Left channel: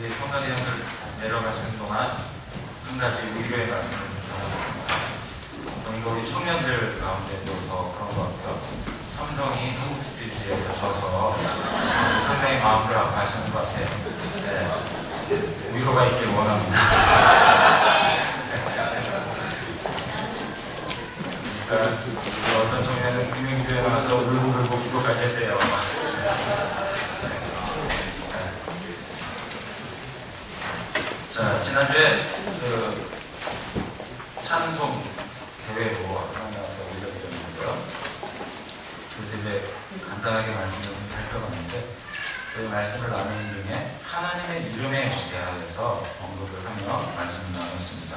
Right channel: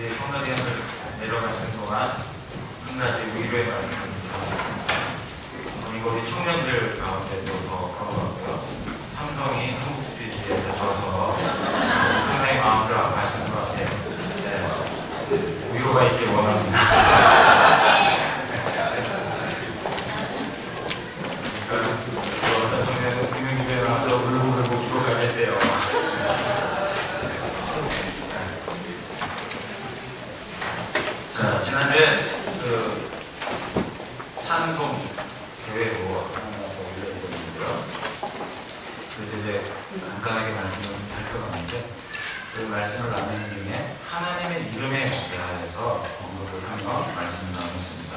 우리 성가대학을 내려가시는 동안 한 가지 위로의 말씀을 드립니다. 우리 청년들 가운데도 더 그런 것 같고요. 삼성이 한국 스피드에서 져서 상당히 마음을 아파하시는 것 같아요. 네. 위로가 있길 원합니다. 그러니까 어떤 청년은 금융기부에 나와서 울고불고 기도까지 했대요. 자, 지난주에 찬송 교회로 하나 올려드렸는데요. 그래서 이제 간단하게 말씀을 살펴봤는데 그 말씀을 나누는 중에 하나님의 이름에 대하여서 언급을 하며 말씀을 나눴습니다.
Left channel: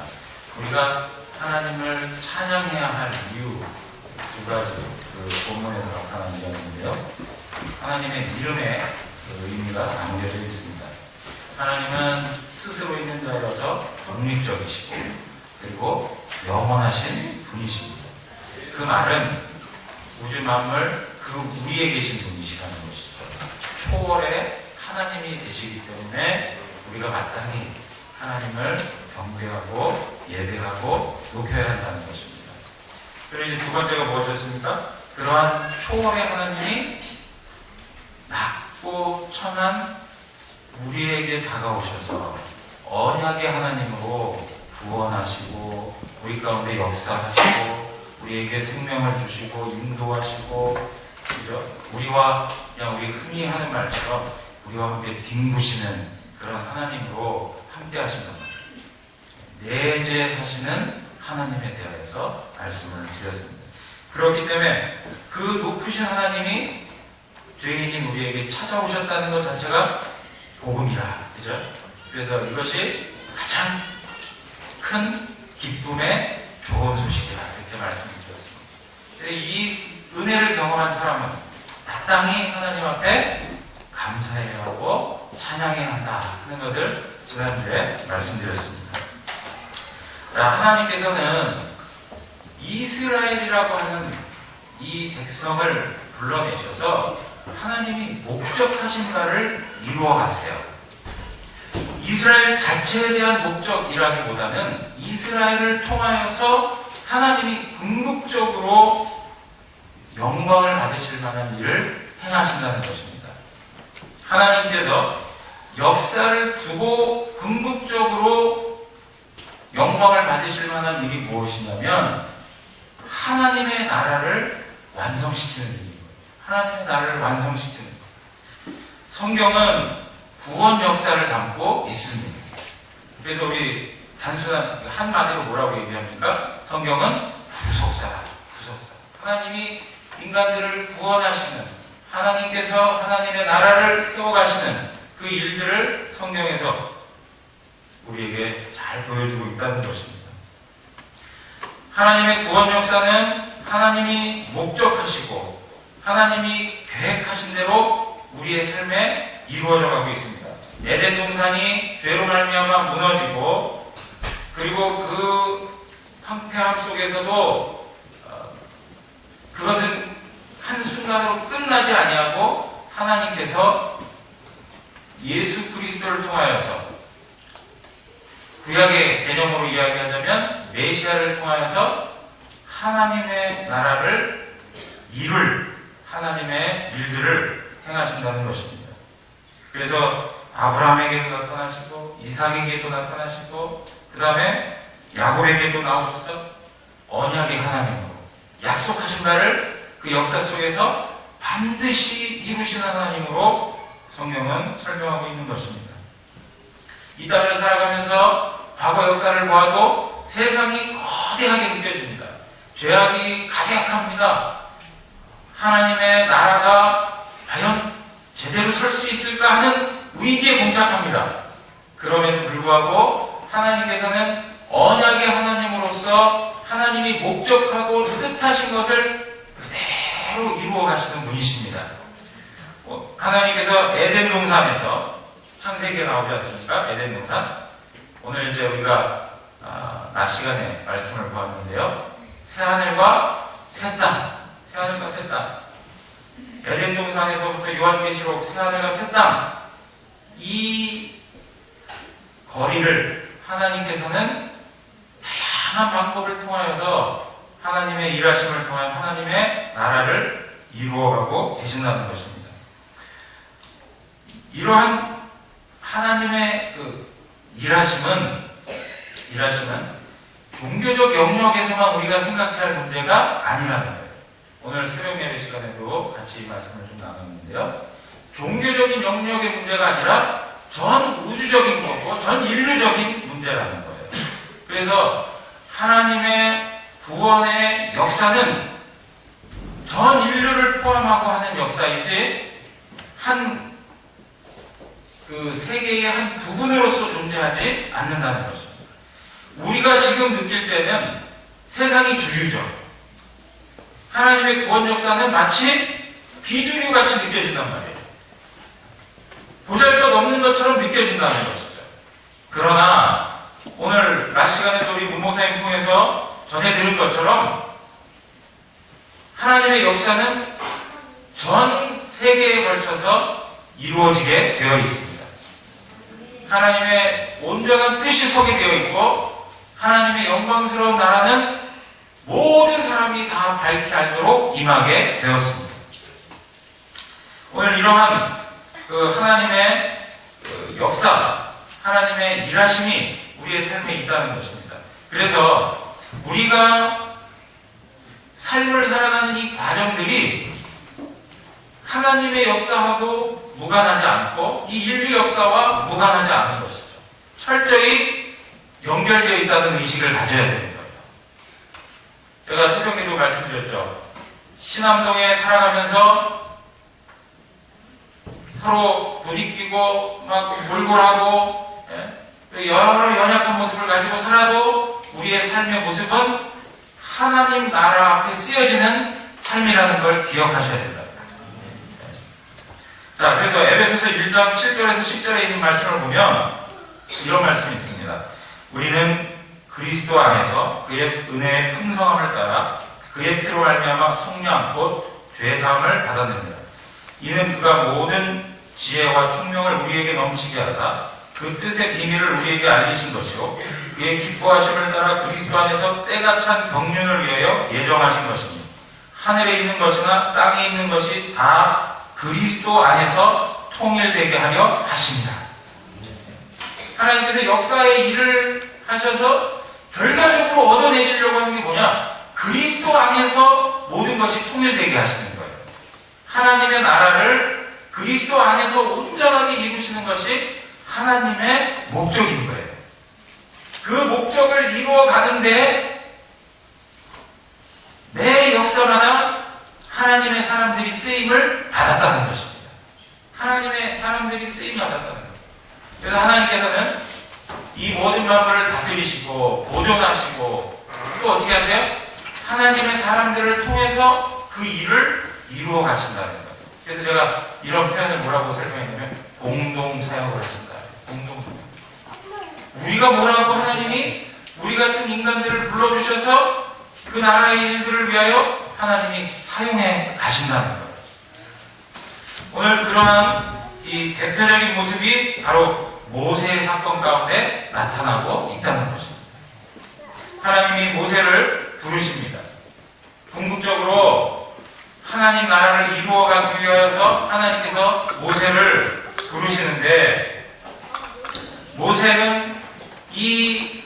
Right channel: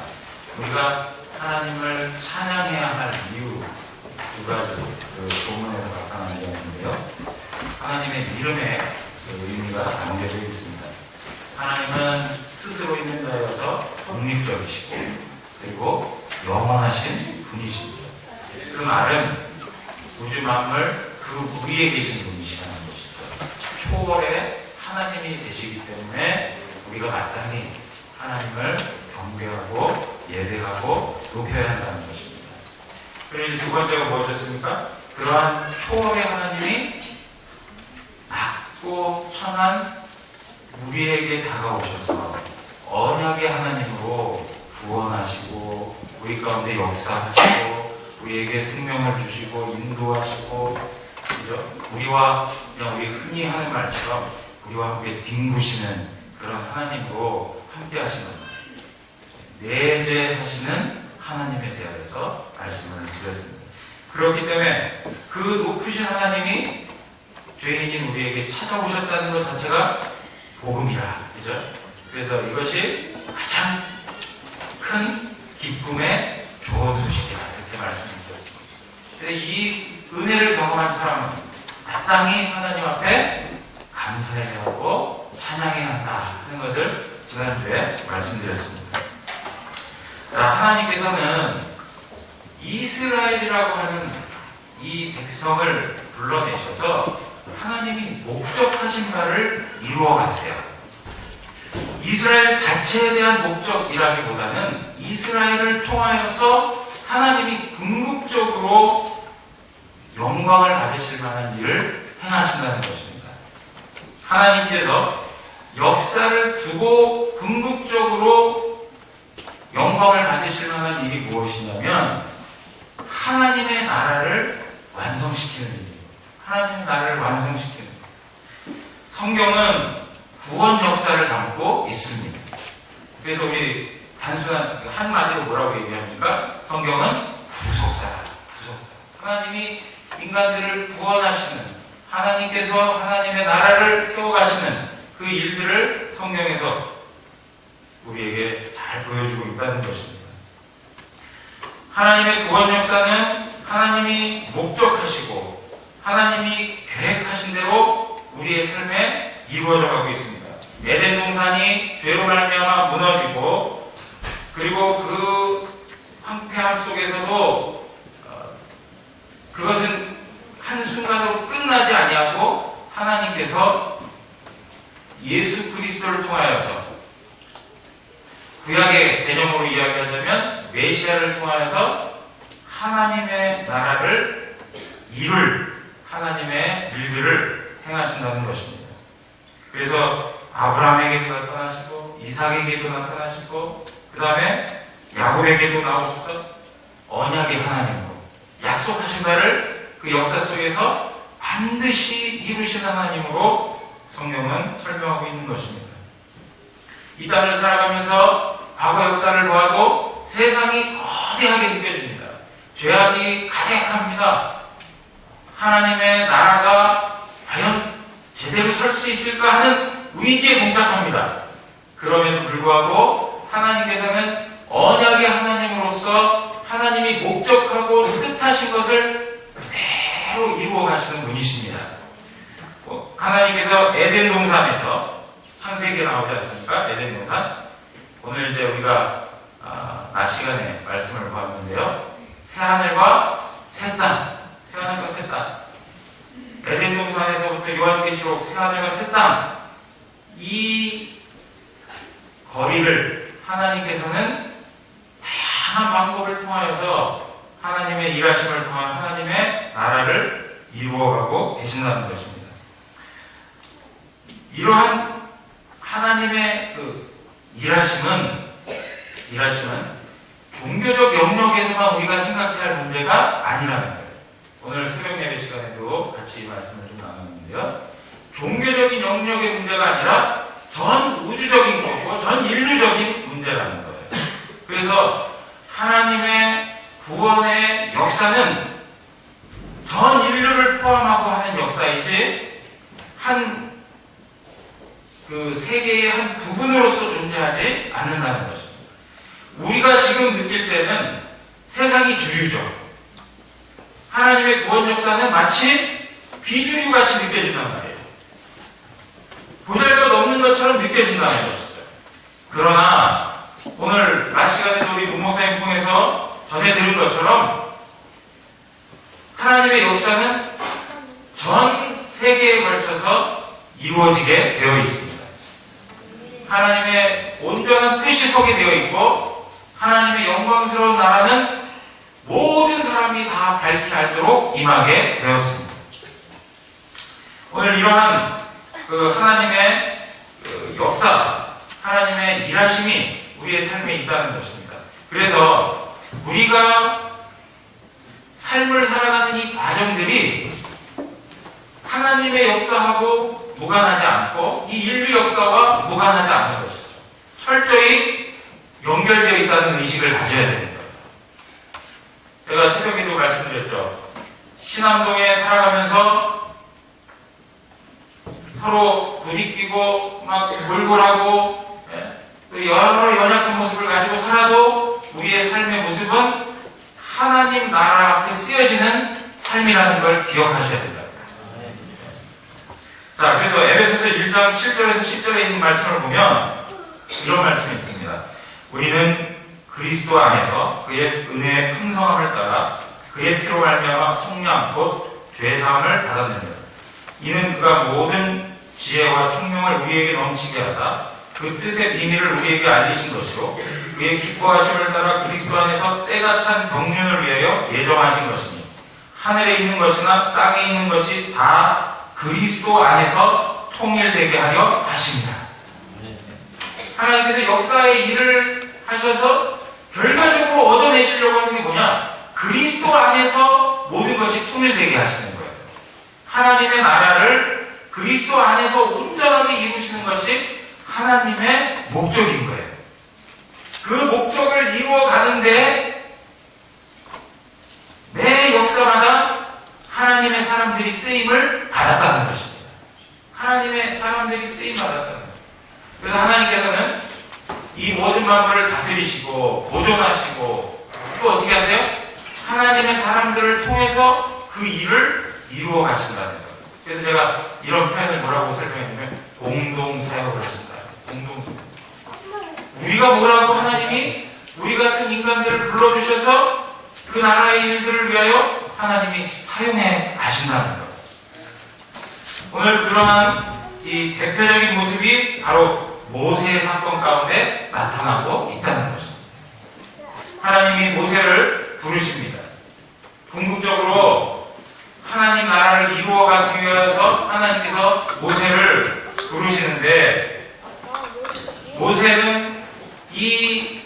우리가 하나님을 찬양해야 할 이유 두 가지 그 본문에서 나타나는 내용인데요. 하나님의 이름에 의미가 담겨져 있습니다. 하나님은 스스로 있는 자여서 독립적이시고 그리고 영원하신 분이십니다. 그 말은 우주 만물 그 위에 계신 분이시라는 것이죠. 초월의 하나님이 되시기 때문에 우리가 마땅히 하나님을 경배하고 예배하고 높여야 한다는 것입니다. 그리고 이제 두 번째가 무엇이었습니까? 그러한 초월의 하나님이 낮고 천한 우리에게 다가오셔서 언약의 하나님으로 구원하시고 우리 가운데 역사하시고 우리에게 생명을 주시고 인도하시고 그죠? 우리와 그냥 우리 흔히 하는 말처럼 우리와 함께 뒹구시는 그런 하나님으로 함께 하시는 내재하시는 하나님에 대하여서 말씀을 드렸습니다. 그렇기 때문에 그 높으신 하나님이 죄인인 우리에게 찾아오셨다는 것 자체가 복음이라, 그죠? 그래서 이것이 가장 큰 기쁨의 좋은 소식이라 이렇게 말씀드렸습니다. 그래서 이 은혜를 경험한 사람은 마땅히 하나님 앞에 감사해야 하고 찬양해야 한다 하는 것을 지난주에 말씀드렸습니다. 하나님께서는 이스라엘이라고 하는 이 백성을 불러내셔서 하나님이 목적하신 바를 이루어 가세요. 이스라엘 자체에 대한 목적이라기보다는 이스라엘을 통하여서 하나님이 궁극적으로 영광을 받으실 만한 일을 행하신다는 것입니다. 하나님께서 역사를 두고 궁극적으로 영광을 받으실 만한 일이 무엇이냐면 하나님의 나라를 완성시키는 일입니다. 하나님의 나라를 완성시키는 것. 성경은 구원 역사를 담고 있습니다. 그래서 우리 단순한 한마디로 뭐라고 얘기합니까? 성경은 구속사다. 하나님이 인간들을 구원하시는 하나님께서 하나님의 나라를 세워가시는 그 일들을 성경에서 우리에게 잘 보여주고 있다는 것입니다. 하나님의 구원 역사는 하나님이 목적하시고 하나님이 계획하신 대로 우리의 삶에 이루어져 가고 있습니다. 에덴 동산이 죄로 말미암아 무너지고 그리고 그 황폐함 속에서도 그것은 한순간으로 끝나지 아니하고 하나님께서 예수 그리스도를 통하여서 구약의 개념으로 이야기하자면 메시아를 통하여서 하나님의 나라를 이룰 하나님의 일들을 행하신다는 것입니다. 그래서 아브라함에게도 나타나시고 이삭에게도 나타나시고 그 다음에 야곱에게도 나오셔서 언약의 하나님으로 약속하신 바를 그 역사 속에서 반드시 이루신 하나님으로 성경은 설명하고 있는 것입니다. 이 땅을 살아가면서 과거 역사를 보아도 세상이 거대하게 느껴집니다. 죄악이 가득합니다. 하나님의 나라가 과연 제대로 설 수 있을까 하는 위기에 봉착합니다. 그럼에도 불구하고 하나님께서는 언약의 하나님으로서 하나님이 목적하고 뜻하신 것을 그대로 이루어 가시는 분이십니다. 하나님께서 에덴 동산에서 창세기에 나오지 않습니까? 에덴 동산. 오늘 이제 우리가 낮 시간에 말씀을 보았는데요. 새하늘과 새 땅. 새하늘과 새 땅. 에덴 동산에서부터 요한계시록 새하늘과 새 땅. 이 거리를 하나님께서는 다양한 방법을 통하여서 하나님의 일하심을 통한 하나님의 나라를 이루어가고 계신다는 것입니다. 이러한 하나님의 일하심은 종교적 영역에서만 우리가 생각해야 할 문제가 아니라는 거예요. 오늘 새벽 예배 시간에도 같이 이 말씀을 좀 나눴는데요. 종교적인 영역의 문제가 아니라 전 우주적인 거고 전 인류적인 문제라는 거예요. 그래서 하나님의 구원의 역사는 전 인류를 포함하고 하는 역사이지 그 세계의 한 부분으로서 존재하지 않는다는 것입니다. 우리가 지금 느낄 때는 세상이 주류죠. 하나님의 구원 역사는 마치 비주류같이 느껴진단 말이에요. 보잘것없는 것처럼 느껴진다는 것이죠. 그러나 오늘 낮 시간에도 우리 문목사님 통해서 전해 들은 것처럼 하나님의 역사는 전 세계에 걸쳐서 이루어지게 되어 있습니다. 하나님의 온전한 뜻이 서게 되어 있고 하나님의 영광스러운 나라는 모든 사람이 다 밝히 알도록 임하게 되었습니다. 오늘 이러한 하나님의 역사, 하나님의 일하심이 우리의 삶에 있다는 것입니다. 그래서 우리가 삶을 살아가는 이 과정들이 하나님의 역사하고 무관하지 않고 이 인류 역사와 무관하지 않은 것이죠. 철저히 연결되어 있다는 의식을 가져야 되는 거예요. 제가 새벽에도 말씀드렸죠. 신암동에 살아가면서 서로 부딪히고 막 골골하고 또 여러 연약한 모습을 가지고 살아도 우리의 삶의 모습은 하나님 나라 앞에 쓰여지는 삶이라는 걸 기억하셔야 된다. 자, 그래서 에베소서 1장 7절에서 10절에 있는 말씀을 보면 이런 말씀이 있습니다. 우리는 그리스도 안에서 그의 은혜의 풍성함을 따라 그의 피로 말미암아 속량 곧 죄사함을 받았느니라. 이는 그가 모든 지혜와 총명을 우리에게 넘치게 하사 그 뜻의 비밀을 우리에게 알리신 것이요 그의 기뻐하심을 따라 그리스도 안에서 때가 찬 경륜을 위하여 예정하신 것이니 하늘에 있는 것이나 땅에 있는 것이 다 그리스도 안에서 통일되게 하려 하십니다. 하나님께서 역사의 일을 하셔서 결과적으로 얻어내시려고 하는 게 뭐냐? 그리스도 안에서 모든 것이 통일되게 하시는 거예요. 하나님의 나라를 그리스도 안에서 온전하게 이루시는 것이 하나님의 목적인 거예요. 그 목적을 이루어 가는데 매 역사마다 하나님의 사람들이 쓰임을 받았다는 것입니다. 하나님의 사람들이 쓰임 받았다는 거예요. 그래서 하나님께서는 이 모든 만물을 다스리시고 보존하시고 또 어떻게 하세요? 하나님의 사람들을 통해서 그 일을 이루어 가신다는 거예요. 그래서 제가 이런 표현을 뭐라고 설명했냐면 공동사역을 하신다. 우리가 뭐라고 하나님이 우리 같은 인간들을 불러주셔서 그 나라의 일들을 위하여 하나님이 사용해 가신다는 거예요. 오늘 그러한 이 대표적인 모습이 바로 모세의 사건 가운데 나타나고 있다는 것입니다. 하나님이 모세를 부르십니다. 궁극적으로 하나님 나라를 이루어가기 위해서 하나님께서 모세를 부르시는데 모세는 이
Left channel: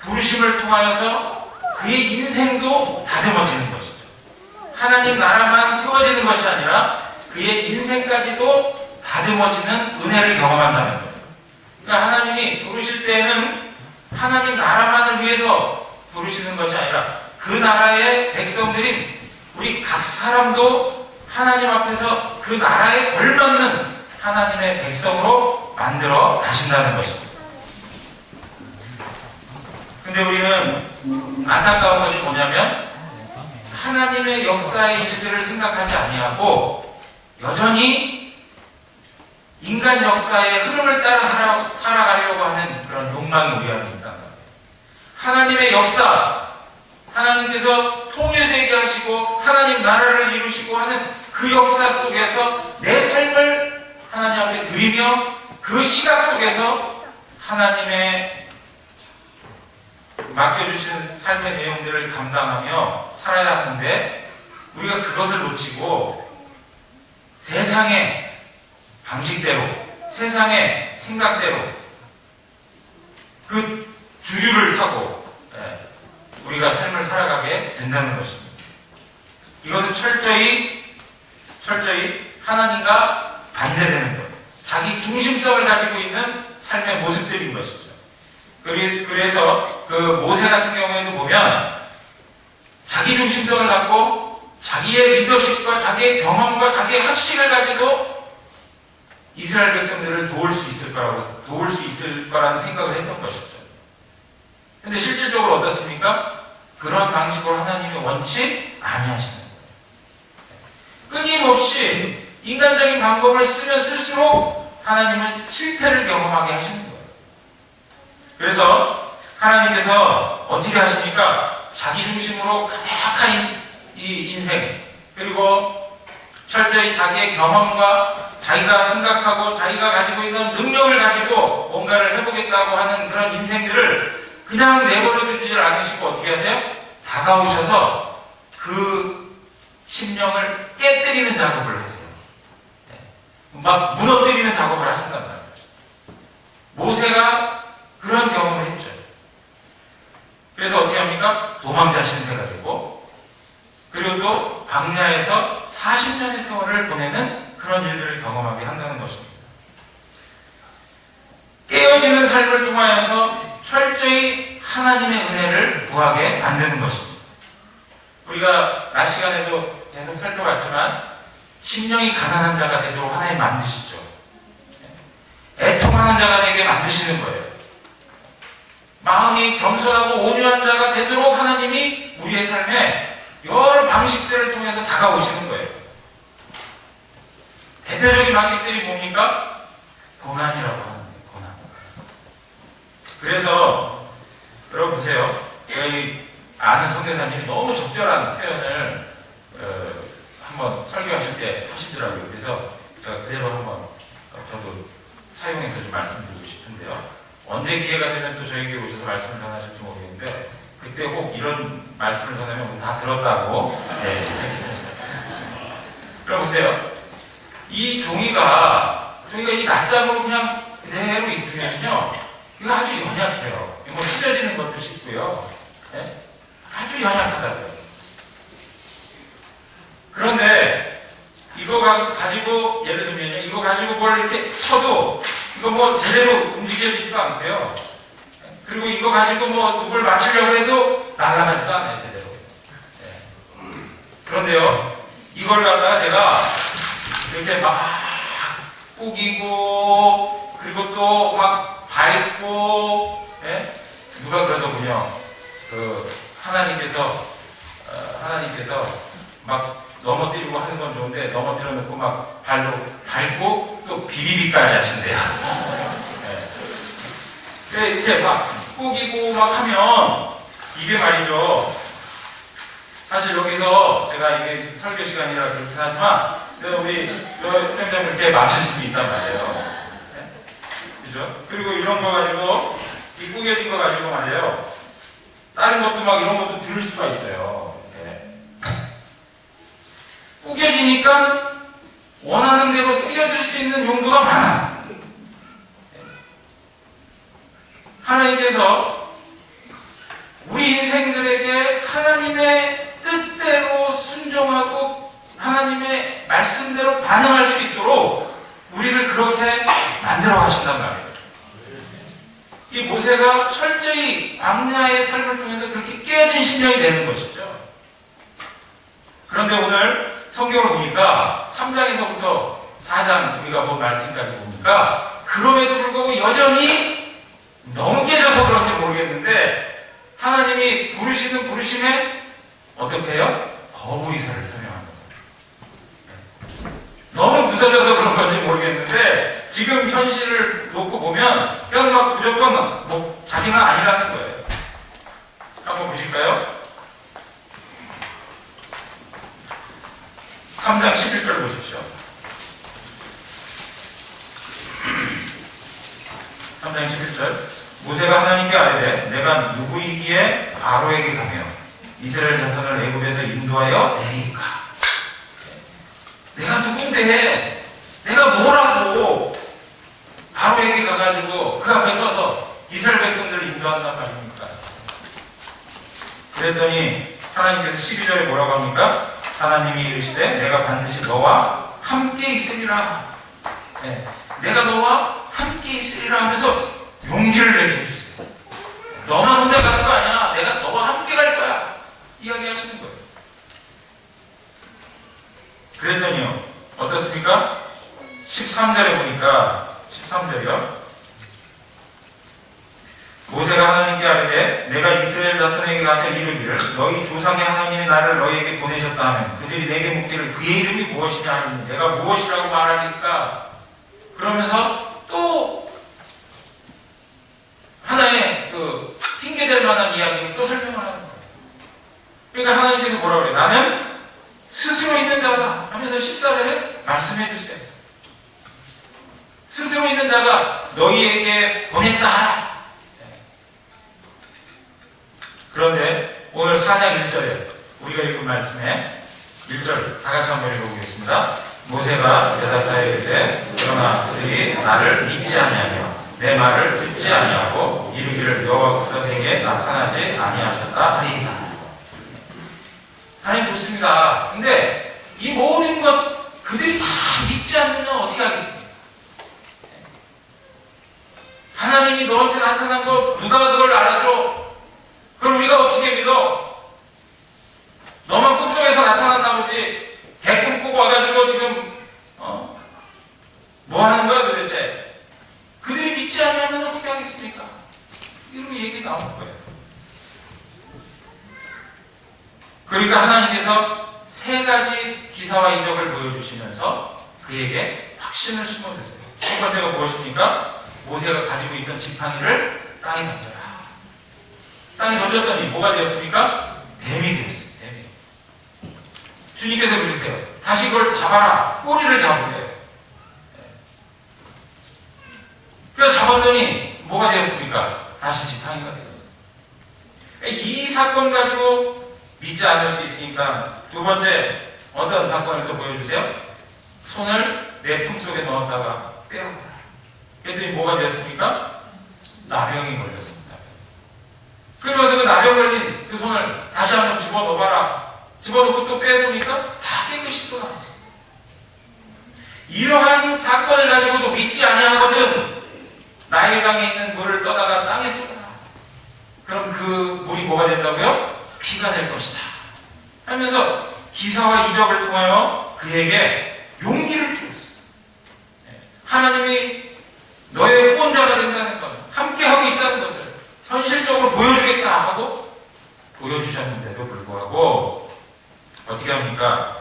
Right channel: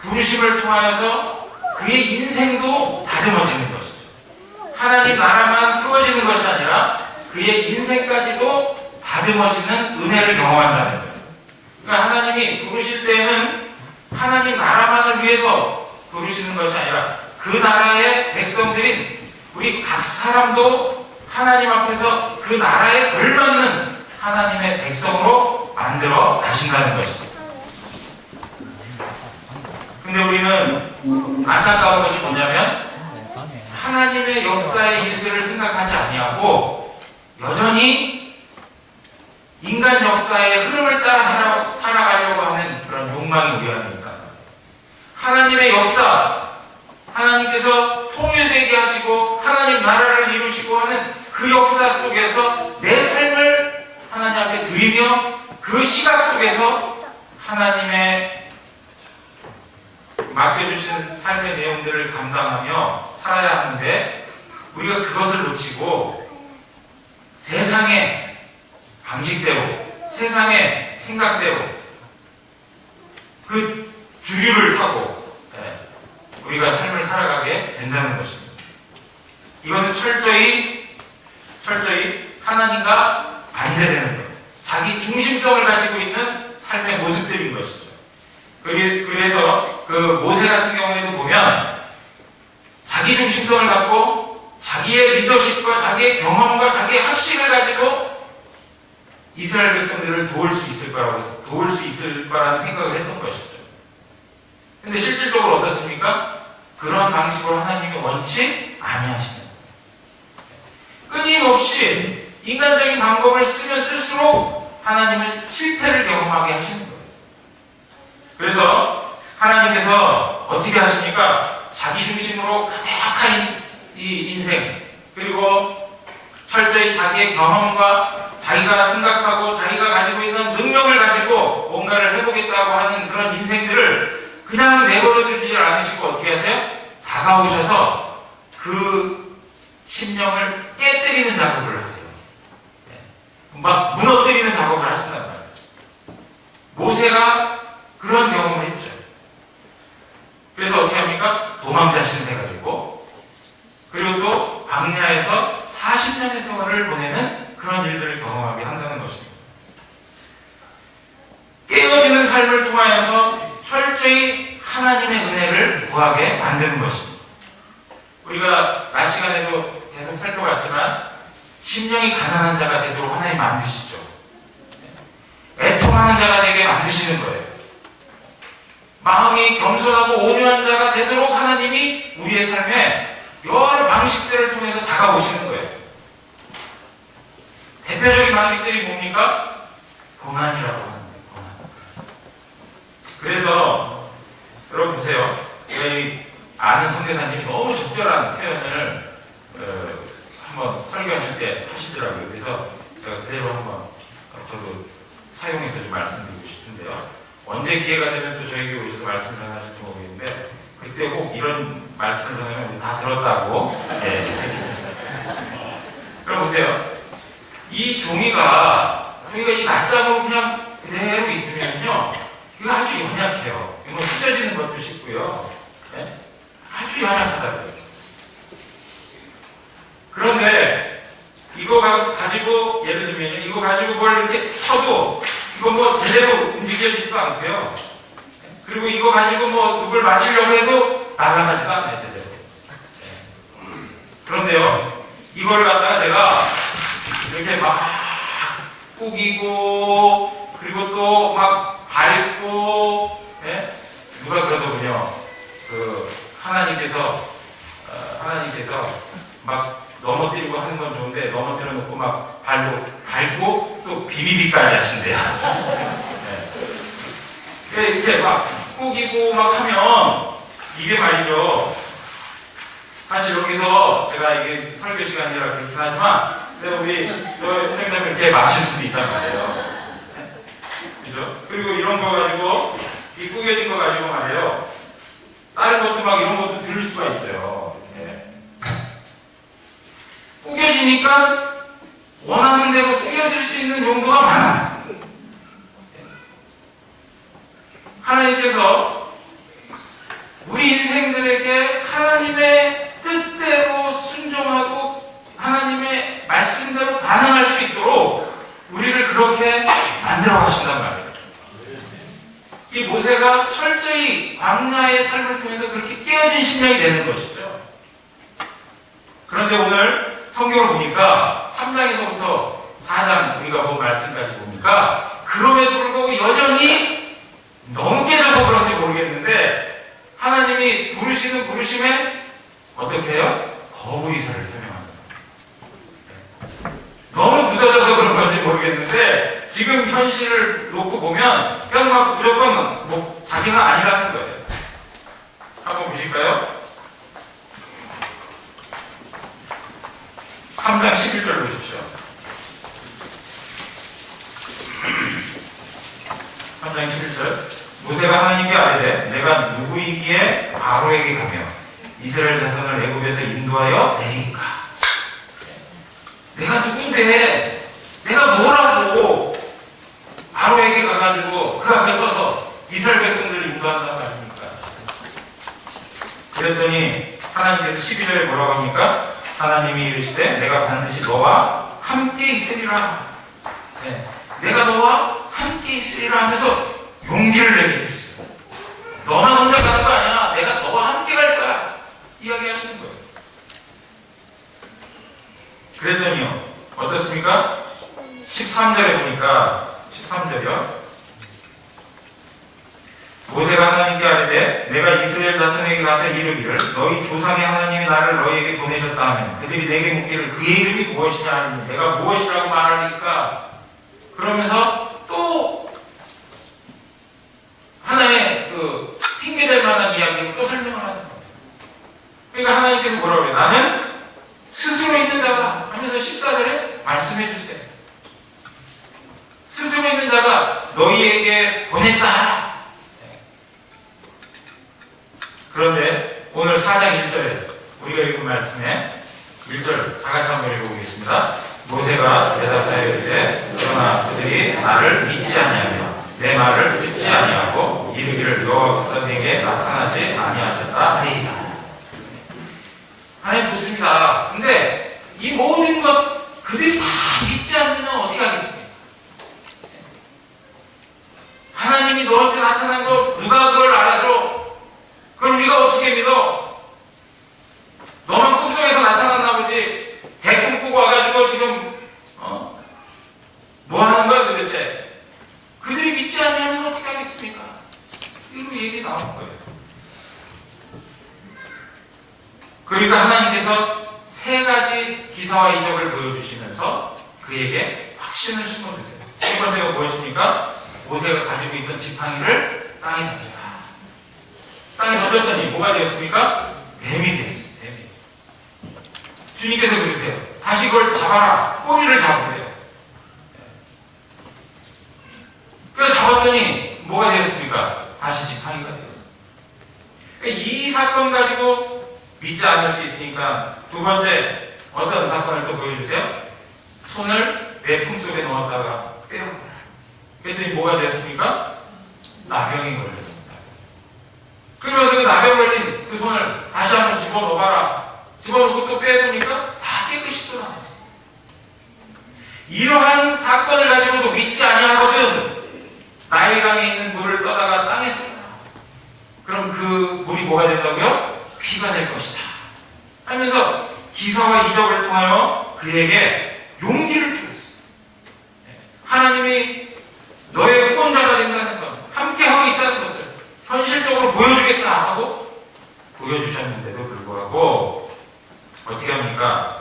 부르심을 통하여서 그의 인생도 다듬어지는 것이죠. 하나님 나라만 세워지는 것이 아니라 그의 인생까지도 다듬어지는 은혜를 경험한다는 거예요. 그러니까 하나님이 부르실 때는 하나님 나라만을 위해서 부르시는 것이 아니라 그 나라의 백성들인 우리 각 사람도 하나님 앞에서 그 나라에 걸맞는 하나님의 백성으로 만들어 가신다는 것입니다. 근데 우리는 안타까운 것이 뭐냐면 하나님의 역사의 일들을 생각하지 아니하고 여전히 인간 역사의 흐름을 따라 살아가려고 하는 그런 욕망이 우리 안에 있다는 거예요. 하나님의 역사, 하나님께서 통일되게 하시고 하나님 나라를 이루시고 하는 그 역사 속에서 내 삶을 하나님 앞에 드리며 그 시각 속에서 하나님의 맡겨주신 삶의 내용들을 감당하며 살아야 하는데 우리가 그것을 놓치고 세상의 방식대로, 세상의 생각대로 그 주류를 타고 우리가 삶을 살아가게 된다는 것입니다. 이것은 철저히 하나님과 반대되는 것, 자기 중심성을 가지고 있는 삶의 모습들인 것이죠. 그래서 그 모세 같은 경우에도 보면 자기 중심성을 갖고 자기의 리더십과 자기의 경험과 자기의 학식을 가지고 이스라엘 백성들을 도울 수 있을 거라는 생각을 했던 것이죠. 그런데 실질적으로 어떻습니까? 그러한 방식으로 하나님이 원치 아니하시는 거예요. 끊임없이 인간적인 방법을 쓰면 쓸수록 하나님은 실패를 경험하게 하시는 거예요. 그래서 하나님께서 어떻게 하십니까? 자기 중심으로 가득한 이 인생, 그리고 철저히 자기의 경험과 자기가 생각하고 자기가 가지고 있는 능력을 가지고 뭔가를 해보겠다고 하는 그런 인생들을 그냥 내버려두지 않으시고 어떻게 하세요? 다가오셔서 그 심령을 깨뜨리는 작업을 하세요. 막 무너뜨리는 작업을 하신단 말이에요. 모세가 그런 경험을 했죠. 그래서 어떻게 합니까? 도망자 신세 가지고, 그리고 또 광야에서 40년의 세월을 보내는 그런 일들을 경험하게 한다는 것입니다. 깨어지는 삶을 통하여서 철저히 하나님의 은혜를 구하게 만드는 것입니다. 우리가 낮 시간에도 계속 살펴봤지만 심령이 가난한 자가 되도록 하나님 만드시죠. 애통하는 자가 되게 만드시는 거예요. 마음이 겸손하고 온유한 자가 되도록 하나님이 우리의 삶에 여러 방식들을 통해서 다가오시는 거예요. 대표적인 방식들이 뭡니까? 고난이라고 하는 거예요. 고난. 그래서 여러분 보세요. 저희 아는 선교사님이 너무 적절한 표현을 한번 설교하실 때 하시더라고요. 그래서 제가 그대로 한번 저도 사용해서 좀 말씀드리고 싶은데요. 언제 기회가 되면 또 저에게 오셔서 말씀을 전하실지 모르겠는데 그때 꼭 이런 말씀을 전하면 우리 다 들었다고. 네. 그럼 보세요. 이 종이가 이 낱장으로 그냥 그대로 있으면요, 이거 아주 연약해요. 이거 찢어지는 것도 쉽고요. 네? 아주 연약하다고요. 그런데 이거 가지고 예를 들면요, 이거 가지고 뭘 이렇게 쳐도 이거 뭐 제대로 움직여지지도 않고요. 그리고 이거 가지고 뭐 누굴 맞추려고 해도 날아가지도 않아요, 제대로. 네. 그런데요, 이걸 갖다가 제가 이렇게 막 꾸기고, 그리고 또 막 밟고, 네? 누가 그러더군요. 하나님께서 막 넘어뜨리고 하는 건 좋은데 넘어뜨려 놓고 막 밟고 또 비비비까지 하신대요. 네. 이렇게 막 꾸기고 막 하면 이게 말이죠. 사실 여기서 제가 이게 설교 시간이라 그렇긴 하지만 우리 선생님들 이렇게 마실 수도 있단 말이에요. 네? 그죠? 그리고 이런 거 가지고 이 꾸겨진 거 가지고 말이에요. 다른 것도 막 이런 것도 들을 수가 있어요. 네. 꾸겨지니까 원하는 대로 쓰여질 수 있는 용도가 많아. 하나님께서 우리 인생들에게 하나님의 뜻대로 순종하고 하나님의 말씀대로 반응할 수 있도록 우리를 그렇게 만들어 가신단 말이에요. 이 모세가 철저히 광야의 삶을 통해서 그렇게 깨어진 심령이 되는 것이죠. 그런데 오늘 성경을 보니까 3장에서부터 4장 우리가 본 말씀까지 보니까 그럼에도 불구하고 여전히 너무 깨져서 그런지 모르겠는데 하나님이 부르시는 부르심에 어떻게 해요? 거부 의사를 표명합니다. 너무 부서져서 그런 건지 모르겠는데 지금 현실을 놓고 보면 그냥 막 무조건 뭐 자기는 아니라는 거예요. 한번 보실까요? 3장 11절 보십시오. 3장 11절. 모세가 하나님께 아뢰되 내가 누구이기에 바로에게 가며 이스라엘 자손을 애굽에서 인도하여 내리까. 내가 누군데 내가 뭐라고 바로에게 가가지고 그 앞에 서서 이스라엘 백성들을 인도한단 말입니까? 그랬더니 하나님께서 12절에 뭐라고 합니까? 하나님이 이르시되 내가 반드시 너와 함께 있으리라. 네. 내가 너와 함께 있으리라 하면서 용기를 내게 해주세요. 너만 혼자 가는 거 아니야. 내가 너와 함께 갈 거야. 이야기하시는 거예요. 그랬더니요. 어떻습니까? 13절에 보니까 13절이요. 모세가 하나님께 아뢰되 내가 이스라엘 자손에게 가서 이르기를 너희 조상의 하나님이 나를 너희에게 보내셨다 하면 그들이 내게 묻기를 그의 이름이 무엇이냐 하니 내가 무엇이라고 말하니까. 그러면서 또 하나의 그 핑계될 만한 이야기를 또 설명을 하는 거예요. 그러니까 하나님께서 뭐라고 그래요? 나는 스스로 있는 자다 하면서 14절에 말씀해 주세요. 스스로 있는 자가 너희에게 보냈다 하라. 그런데 오늘 4장 1절에 우리가 읽은 말씀에 1절 다 같이 한번 읽어보겠습니다. 모세가 대답하여 이르되 그러나 그들이 나를 믿지 아니하며 내 말을 듣지 아니하고 이르기를 여호와께서 내게 나타나지 아니하셨다 하리이다. 하나님 좋습니다. 근데 이 모든 것 그들이 다 믿지 않으면 어떻게 하겠습니까? 하나님이 너한테 나타난 거 누가 그걸 알아줘? 그걸 우리가 어떻게 믿어? 너만 꿈속에서 나타났나 보지. 대꿈 꾸고 와가지고 지금 뭐 하는 거야 도대체? 그들이 믿지 않으면 어떻게 하겠습니까? 이런 얘기 나올 거예요. 그러니까 하나님께서 세 가지 기사와 이적을 보여주시면서 그에게 확신을 심어주세요. 첫 번째가 무엇입니까? 모세가 가지고 있던 지팡이를 땅에 던져라. 땅에 던졌더니 뭐가 되었습니까? 뱀이 되었어요. 뱀이. 주님께서 그러세요. 다시 그걸 잡아라. 꼬리를 잡으래요. 그래서 잡았더니 뭐가 되었습니까? 다시 지팡이가 되었어요. 이 사건 가지고 믿지 않을 수 있으니까 두 번째 어떤 사건을 또 보여주세요. 손을 내 품속에 넣었다가 빼어버려라. 그랬더니 뭐가 되었습니까? 나병이 걸렸습니다. 그러면서 그 나병 걸린 그 손을 다시 한번 집어넣어봐라. 집어넣고 또 빼보니까 다 깨끗이 또 나왔어요. 이러한 사건을 가지고도 믿지 아니하거든 나일강에 있는 물을 떠다가 땅에 쏟아라. 그럼 그 물이 뭐가 된다고요? 피가 될 것이다. 하면서 기사와 이적을 통하여 그에게 용기를 주었어요. 하나님이 너의 후원자가 된다는 것, 함께하고 있다는 것을 현실적으로 보여주겠다 하고 보여주셨는데도 불구하고 어떻게 합니까?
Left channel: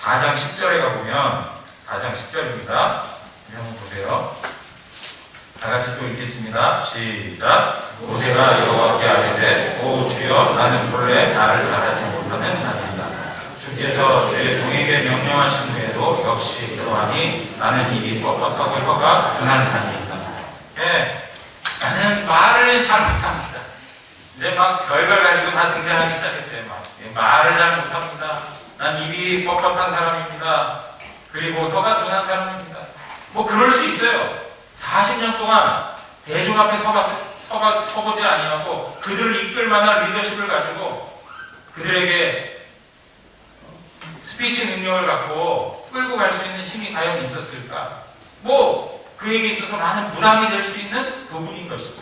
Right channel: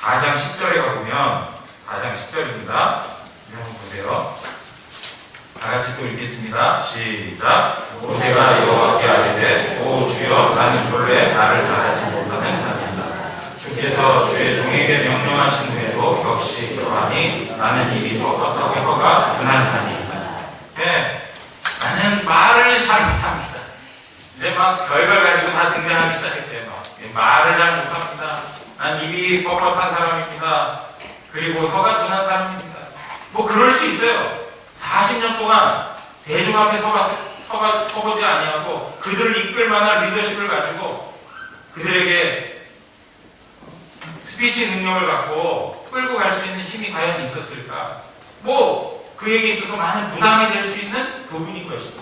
4장 10절에 가보면 4장 10절입니다. 한번 보세요. 다 같이 또 읽겠습니다. 시작. 모세가 여호와께 아뢰되 오 주여 나는 본래 나를 따르지 못하는 자입니다. 주께서 주의 종에게 명령하신 후에도 역시 그러하니 나는 입이 뻣뻣하고 혀가 둔한 자니이다. 네, 나는 말을 잘 못합니다. 이제 막 별걸 가지고 다 등장하기 시작했어요. 말을 잘 못합니다. 난 입이 뻣뻣한 사람입니다. 그리고 혀가 둔한 사람입니다. 뭐 그럴 수 있어요. 40년 동안 대중 앞에 서보지 아니하고 그들을 이끌 만한 리더십을 가지고 그들에게 스피치 능력을 갖고 끌고 갈 수 있는 힘이 과연 있었을까? 뭐 그에게 있어서 많은 부담이 될 수 있는 부분인 것이죠.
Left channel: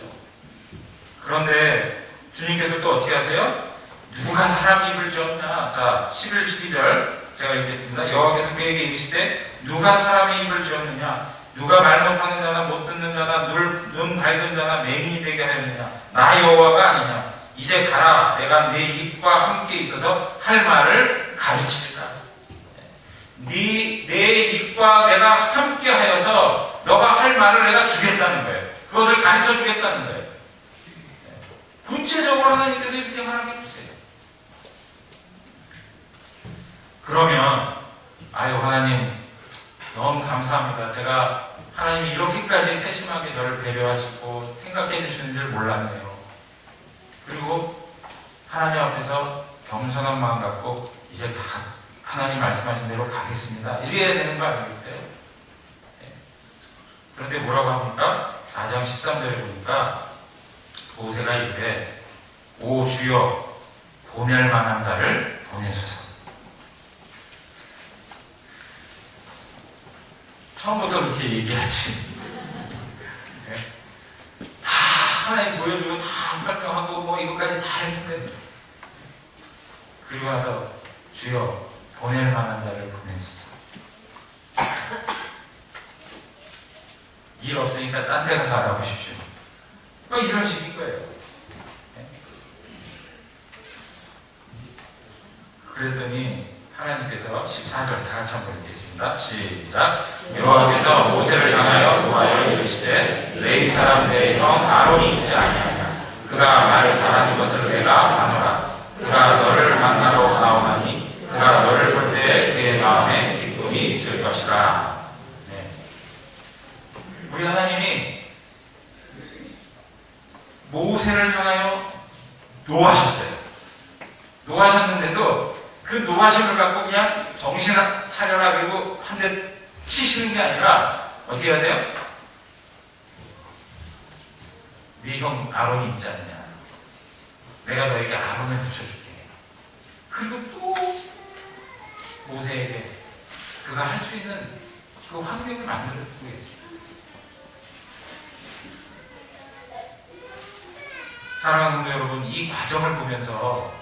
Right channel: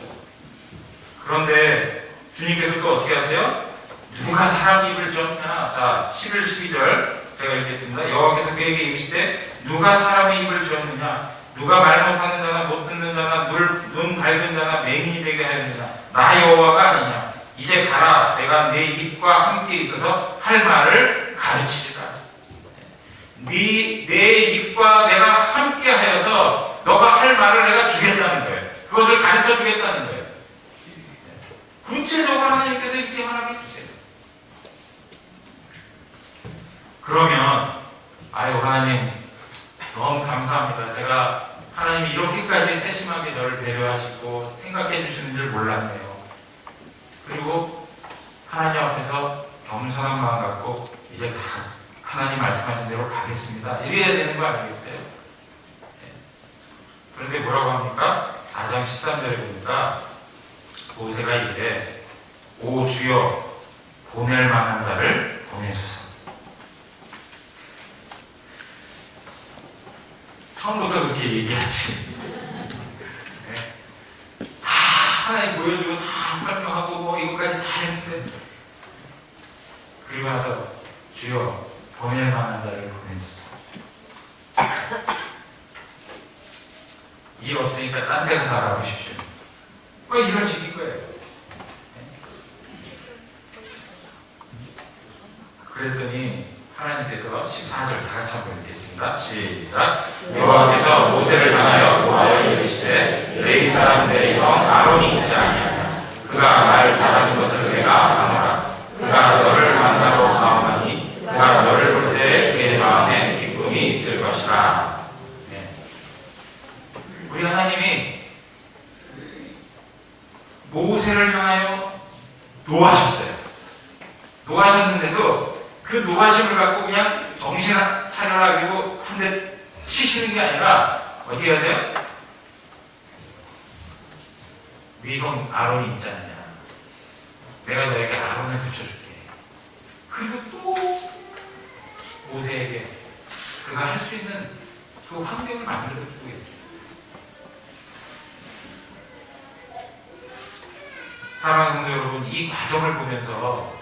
그런데 주님께서 또 어떻게 하세요? 누가 사람 입을 지었냐? 자, 11, 12절 제가 읽겠습니다. 여호와께서 그에게 이르시되 누가 사람의 입을 지었느냐? 누가 말 못하는 자나 못 듣는 자나 눈 밝은 자나 맹인이 되게 하였느냐? 나 여호와가 아니냐? 이제 가라. 내가 내 입과 함께 있어서 할 말을 가르치리라. 내 입과 내가 함께 하여서 너가 할 말을 내가 주겠다는 거예요. 그것을 가르쳐 주겠다는 거예요. 구체적으로 하나님께서 이렇게 말하게 해주세요. 그러면 아유 하나님 너무 감사합니다. 제가 하나님이 이렇게까지 세심하게 저를 배려하시고 생각해 주시는 줄 몰랐네요. 그리고 하나님 앞에서 겸손한 마음 갖고 이제 하나님 말씀하신 대로 가겠습니다. 이래야 되는 거 아니겠어요? 네. 그런데 뭐라고 합니까? 4장 13절에 보니까 모세가 이래, 오 주여 보낼 만한 자를 보내소서. 처음부터 그렇게 얘기하지. 네. 다 하나님 보여주고 다 설명하고 뭐 이것까지 다 했는데, 그리고 나서 주여 보낼 만한 자를 보내주소서. 일 없으니까 딴 데 가서 알아보십시오. 뭐 이런 식인 거예요. 네. 그랬더니 하나님께서 14절 다 같이 한번 읽겠습니다. 시작. 여호와께서 모세를 향하여 노하여 이르시되 레위 사람들의 형 아론이 있지 아니하냐. 그가 말 잘하는 것을 내가 아노라. 그가 너를 만나러 나오나니 그가 너를 볼 때 그의 마음에 기쁨이 있을 것이다. 네. 우리 하나님이 모세를 향하여 노하셨어요. 노하셨는데도 그 노하심을 갖고 그냥 정신 차려라 그리고 한 대 치시는 게 아니라 어떻게 해야 돼요? 네 형 아론이 있지 않냐. 내가 너에게 아론을 붙여줄게. 그리고 또 모세에게 그가 할 수 있는 그 환경을 만들어주고 있어요. 사랑하는 성도 여러분, 이 과정을 보면서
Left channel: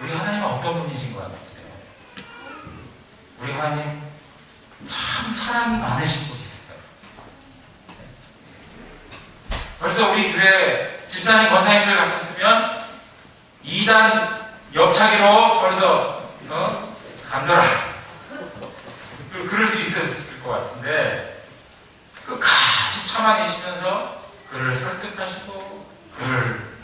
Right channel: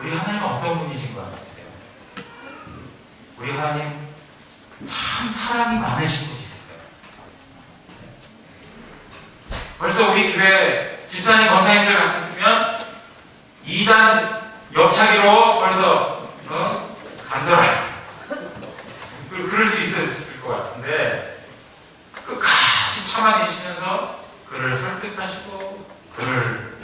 우리 하나님은 어떤 분이신 것 같으세요? 우리 하나님 참 사랑이 많으신 분이세요. 벌써 우리 교회 집사님 권사님들 같았으면 2단 옆차기로 벌써 간더라 그럴 수 있었을 것 같은데, 끝까지 참아 계시면서 그를 설득하시고 그를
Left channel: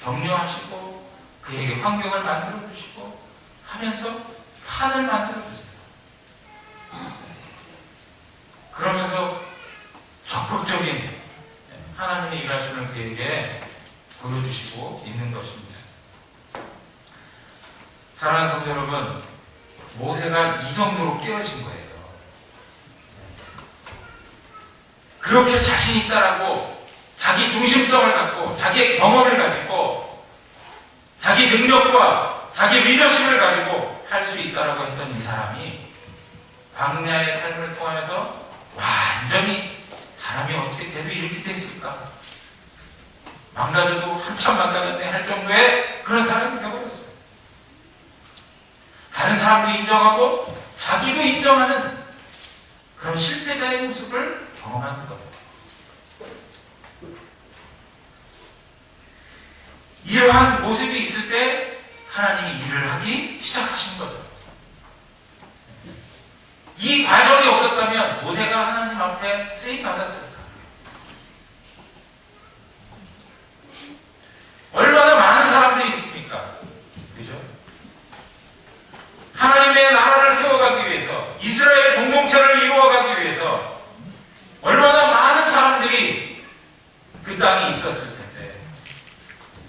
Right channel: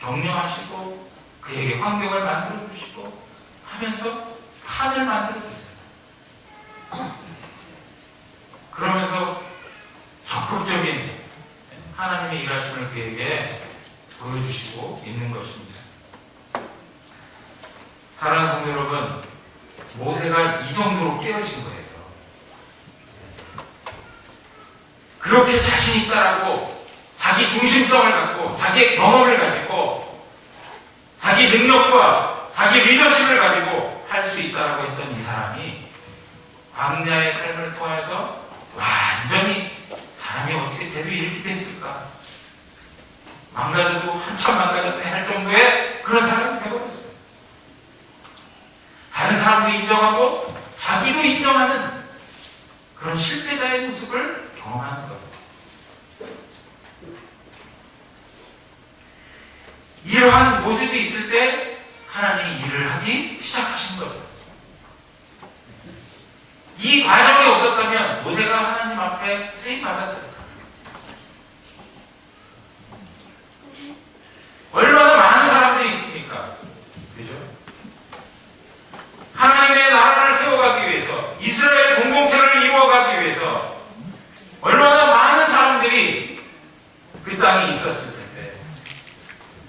격려하시고 그에게 환경을 만들어 주시고 하면서 판을 만들어 주세요. 그러면서 적극적인 하나님의 일하심을 그에게 보여주시고 있는 것입니다. 사랑하는 성도 여러분, 모세가 이 정도로 깨어진 거예요. 그렇게 자신 있다라고 자기 중심성을 갖고 자기의 경험을 가지고 자기 능력과 자기 리더십을 가지고 할 수 있다라고 했던 이 사람이 광야의 삶을 통해서 완전히 사람이 어떻게 돼도 이렇게 됐을까? 망가져도 한참 망가졌네 할 정도의 그런 사람이 되어버렸어요. 다른 사람도 인정하고 자기도 인정하는 그런 실패자의 모습을 경험하는 거예요. 이러한 모습이 있을 때 하나님이 일을 하기 시작하신 거죠. 이 과정이 없었다면 모세가 하나님 앞에 쓰임 받았을까? 얼마나 많은 사람들이 있습니까? 그죠? 하나님의 나라를 세워가기 위해서, 이스라엘 공동체를 이루어가기 위해서 얼마나 많은 사람들이 그 땅에 있었을 텐데,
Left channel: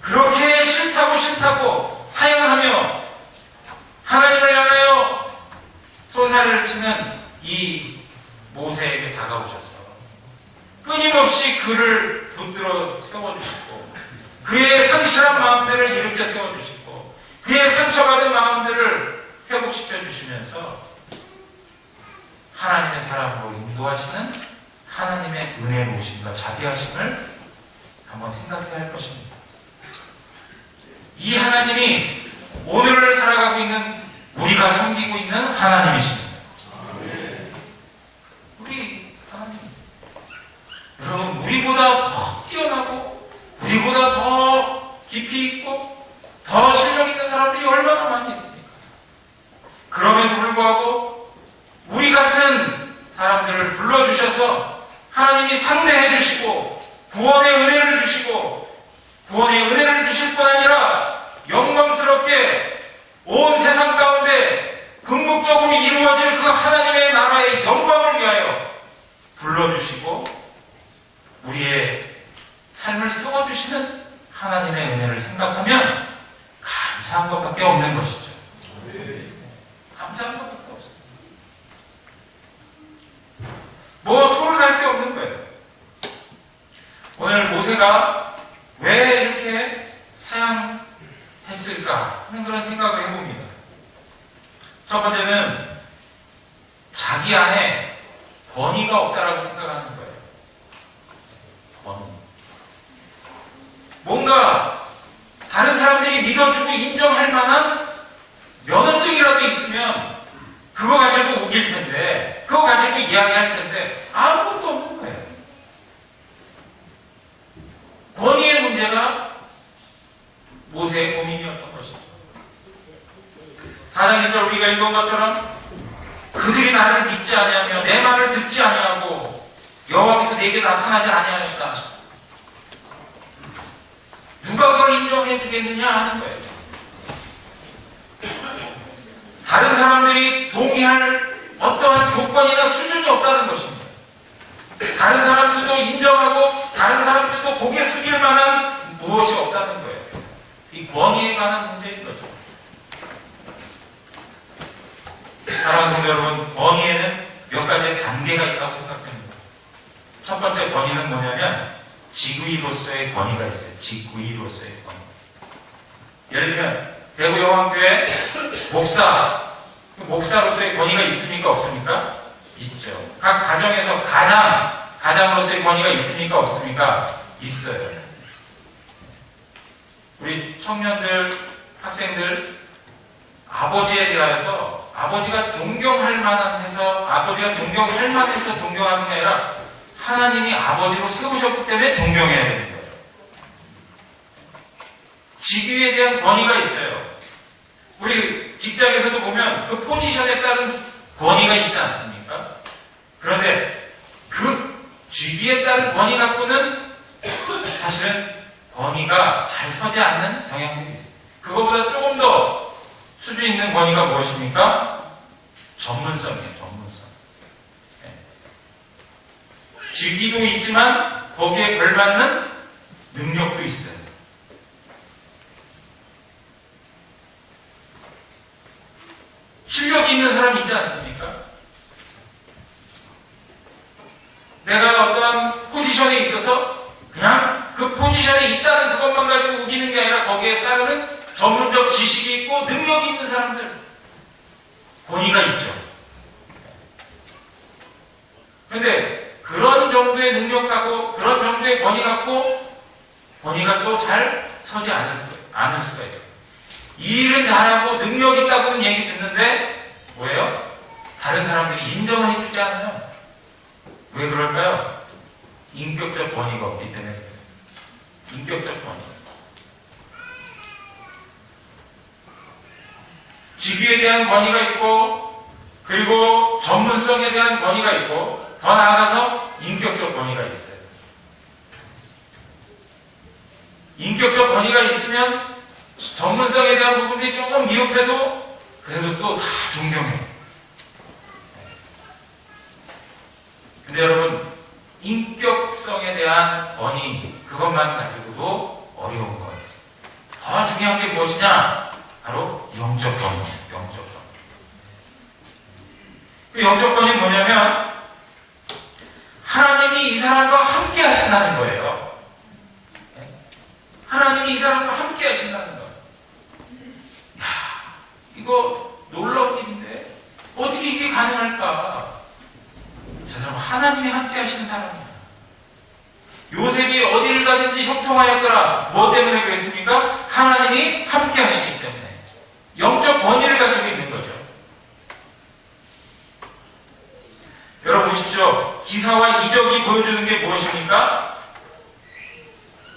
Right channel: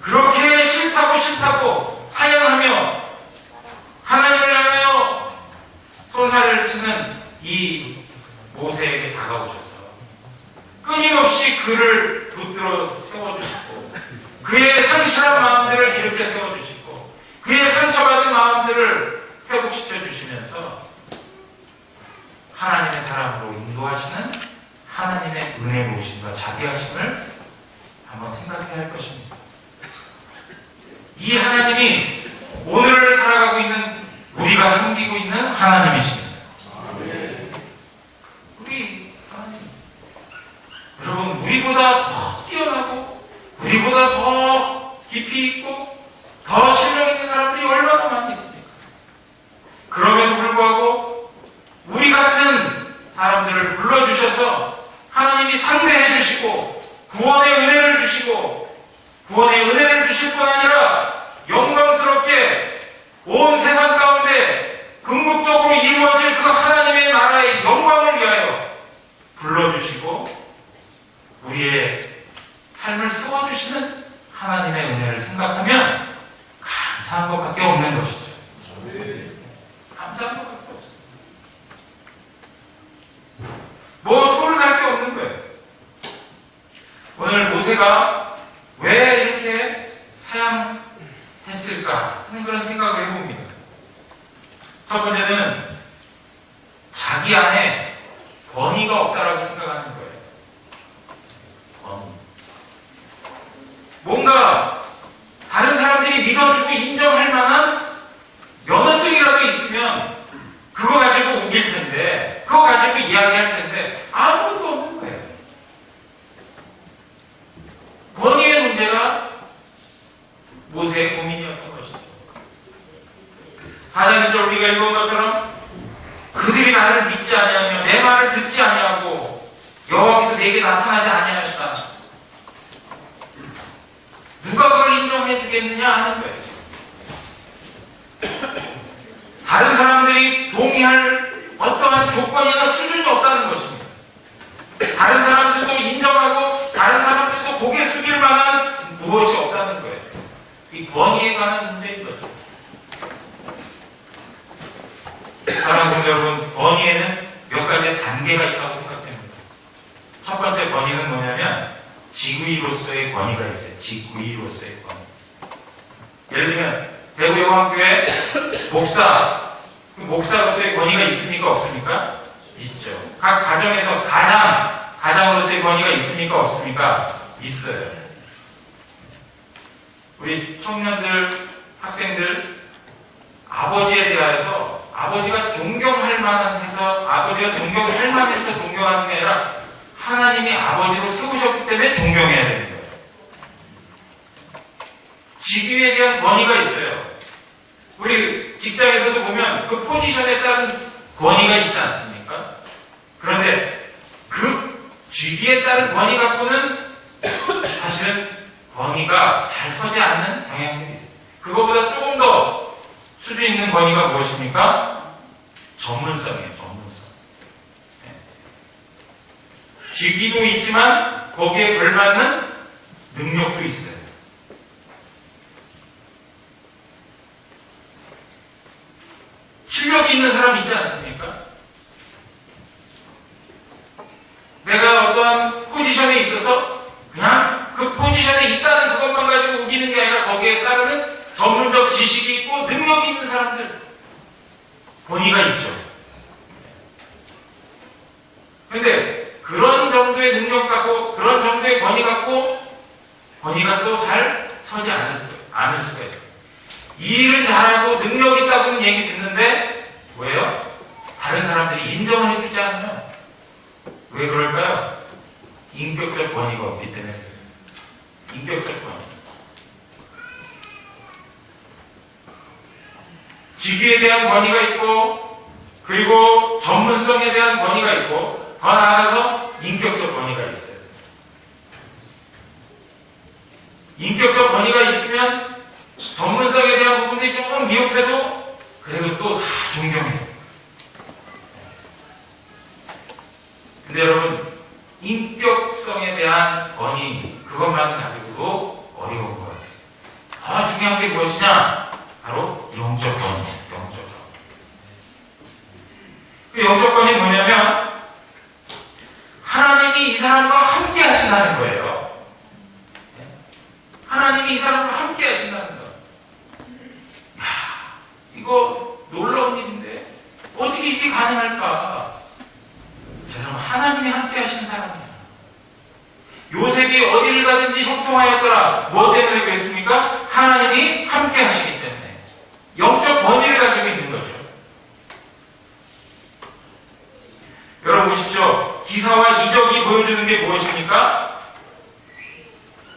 그렇게 싫다고 사양하며 하나님을 향하여 소사를 치는 이 모세에게 다가오셔서 끊임없이 그를 붙들어 세워주시고 그의 상실한 마음들을 일으켜 세워주시고 그의 상처받은 마음들을 회복시켜 주시면서 하나님의 사람으로 인도하시는 하나님의 은혜로우심과 자비하심을 한번 생각해야 할 것입니다. 이 하나님이 오늘을 살아가고 있는 우리가 섬기고 있는 하나님이십니다. 우리 하나님, 여러분, 우리보다 더 뛰어나고 우리보다 더 깊이 있고 더 실력 있는 사람들이 얼마나 많이 있습니까? 그럼에도 불구하고 우리 같은 사람들을 불러주셔서 하나님이 상대해 주시고 구원의 은혜를 주시고 구원의 은혜를 주실 뿐 아니라 영광스럽게 온 세상 가운데 궁극적으로 이루어질 그 하나님의 나라의 영광을 위하여 불러주시고 우리의 삶을 세워주시는 하나님의 은혜를 생각하면 감사한 것밖에 없는 것이죠. 감사한 것밖에 없습니다. 뭐 토론할 게 없는 거예요. 오늘 모세가 왜 이렇게 사양했을까 하는 그런 생각을 해봅니다. 첫 번째는 자기 안에 권위가 없다라고 생각하는 거예요. 권위. 뭔가 다른 사람들이 믿어주고 인정할 만한 면허증이라도 있으면 그거 가지고 우길 텐데, 그거 가지고 이야기할 텐데 아무것도 없는 거예요. 권위의 문제가 모세의 고민이었던 것이죠. 4장 1절 우리가 읽은 것처럼 그들이 나를 믿지 아니하며 내 말을 듣지 아니하고 여호와께서 내게 나타나지 아니하였다. 누가 그걸 인정해 주겠느냐 하는 거예요. 다른 사람들이 동의할 어떠한 조건이나 수준이 없다는 것입니다. 다른 사람들도 인정하고 다른 사람들도 고개 숙일 만한 무엇이 없다는 거예요. 이 권위에 관한 문제인 거죠. 사랑하는 성도 여러분, 권위에는 몇 가지의 단계가 있다고 생각합니다. 첫 번째 권위는 뭐냐면 지구이로서의 권위가 있어요. 지구이로서의 권위. 예를 들면 대구영왕교회 목사로서의 권위가 있습니까? 없습니까? 있죠. 각 가정에서 가장으로서의 권위가 있습니까? 없습니까? 있어요. 우리 청년들, 학생들 아버지에 대하여서 아버지가 존경할 만해서 아버지가 존경할 만해서 존경하는 게 아니라 하나님이 아버지로 세우셨기 때문에 존경해야 되는 거예요. 직위에 대한 권위가 있어요. 우리 직장에서도 보면 그 포지션에 따른 권위가 있지 않습니까? 그런데 그 직위에 따른 권위 갖고는 사실은 권위가 잘 서지 않는 경향들이 있어요. 그거보다 조금 더 수준 있는 권위가 무엇입니까? 전문성이에요. 전문성. 네. 직위도 있지만 거기에 걸맞는 능력도 있어요. 실력이 있는 사람 있지 않습니까? 내가 어떠한 포지션에 있어서 그냥 그 포지션에 있다는 그것만 가지고 우기는 게 아니라 거기에 따르는 전문적 지식이 있고 능력이 있는 사람들 권위가 있죠. 그런데 그런 정도의 능력 갖고 그런 정도의 권위 갖고 권위가 또 잘 서지 않을 수가 있어요. 이 일은 잘하고 능력 있다고는 얘기 듣는데 뭐예요? 다른 사람들이 인정을 해주지 않아요. 왜 그럴까요? 인격적 권위가 없기 때문에. 인격적 권위. 직위에 대한 권위가 있고 그리고 전문성에 대한 권위가 있고 더 나아가서 인격적 권위가 있어요. 인격적 권위가 있으면 전문성에 대한 부분들이 조금 미흡해도 그래도 또 다 존경해요. 근데 여러분 인격성에 대한 권위 그것만 가지고도 어려운 거예요. 더 중요한 게 무엇이냐? 바로 영적 권위. 영적 권위. 그 영적 권위 뭐냐면 하나님이 이 사람과 함께 하신다는 거예요. 하나님이 이 사람과 함께 하신다는 거예요. 야, 이거 놀라운 일인데 어떻게 이게 가능할까? 저 사람 하나님이 함께 하시는 사람이야. 요셉이 어디를 가든지 형통하였더라. 무엇 때문에 그랬습니까? 하나님이 함께 하시기 때문에. 영적 권위를 가지고 있는 거죠. 여러분 보십시오. 기사와 이적이 보여주는 게 무엇입니까?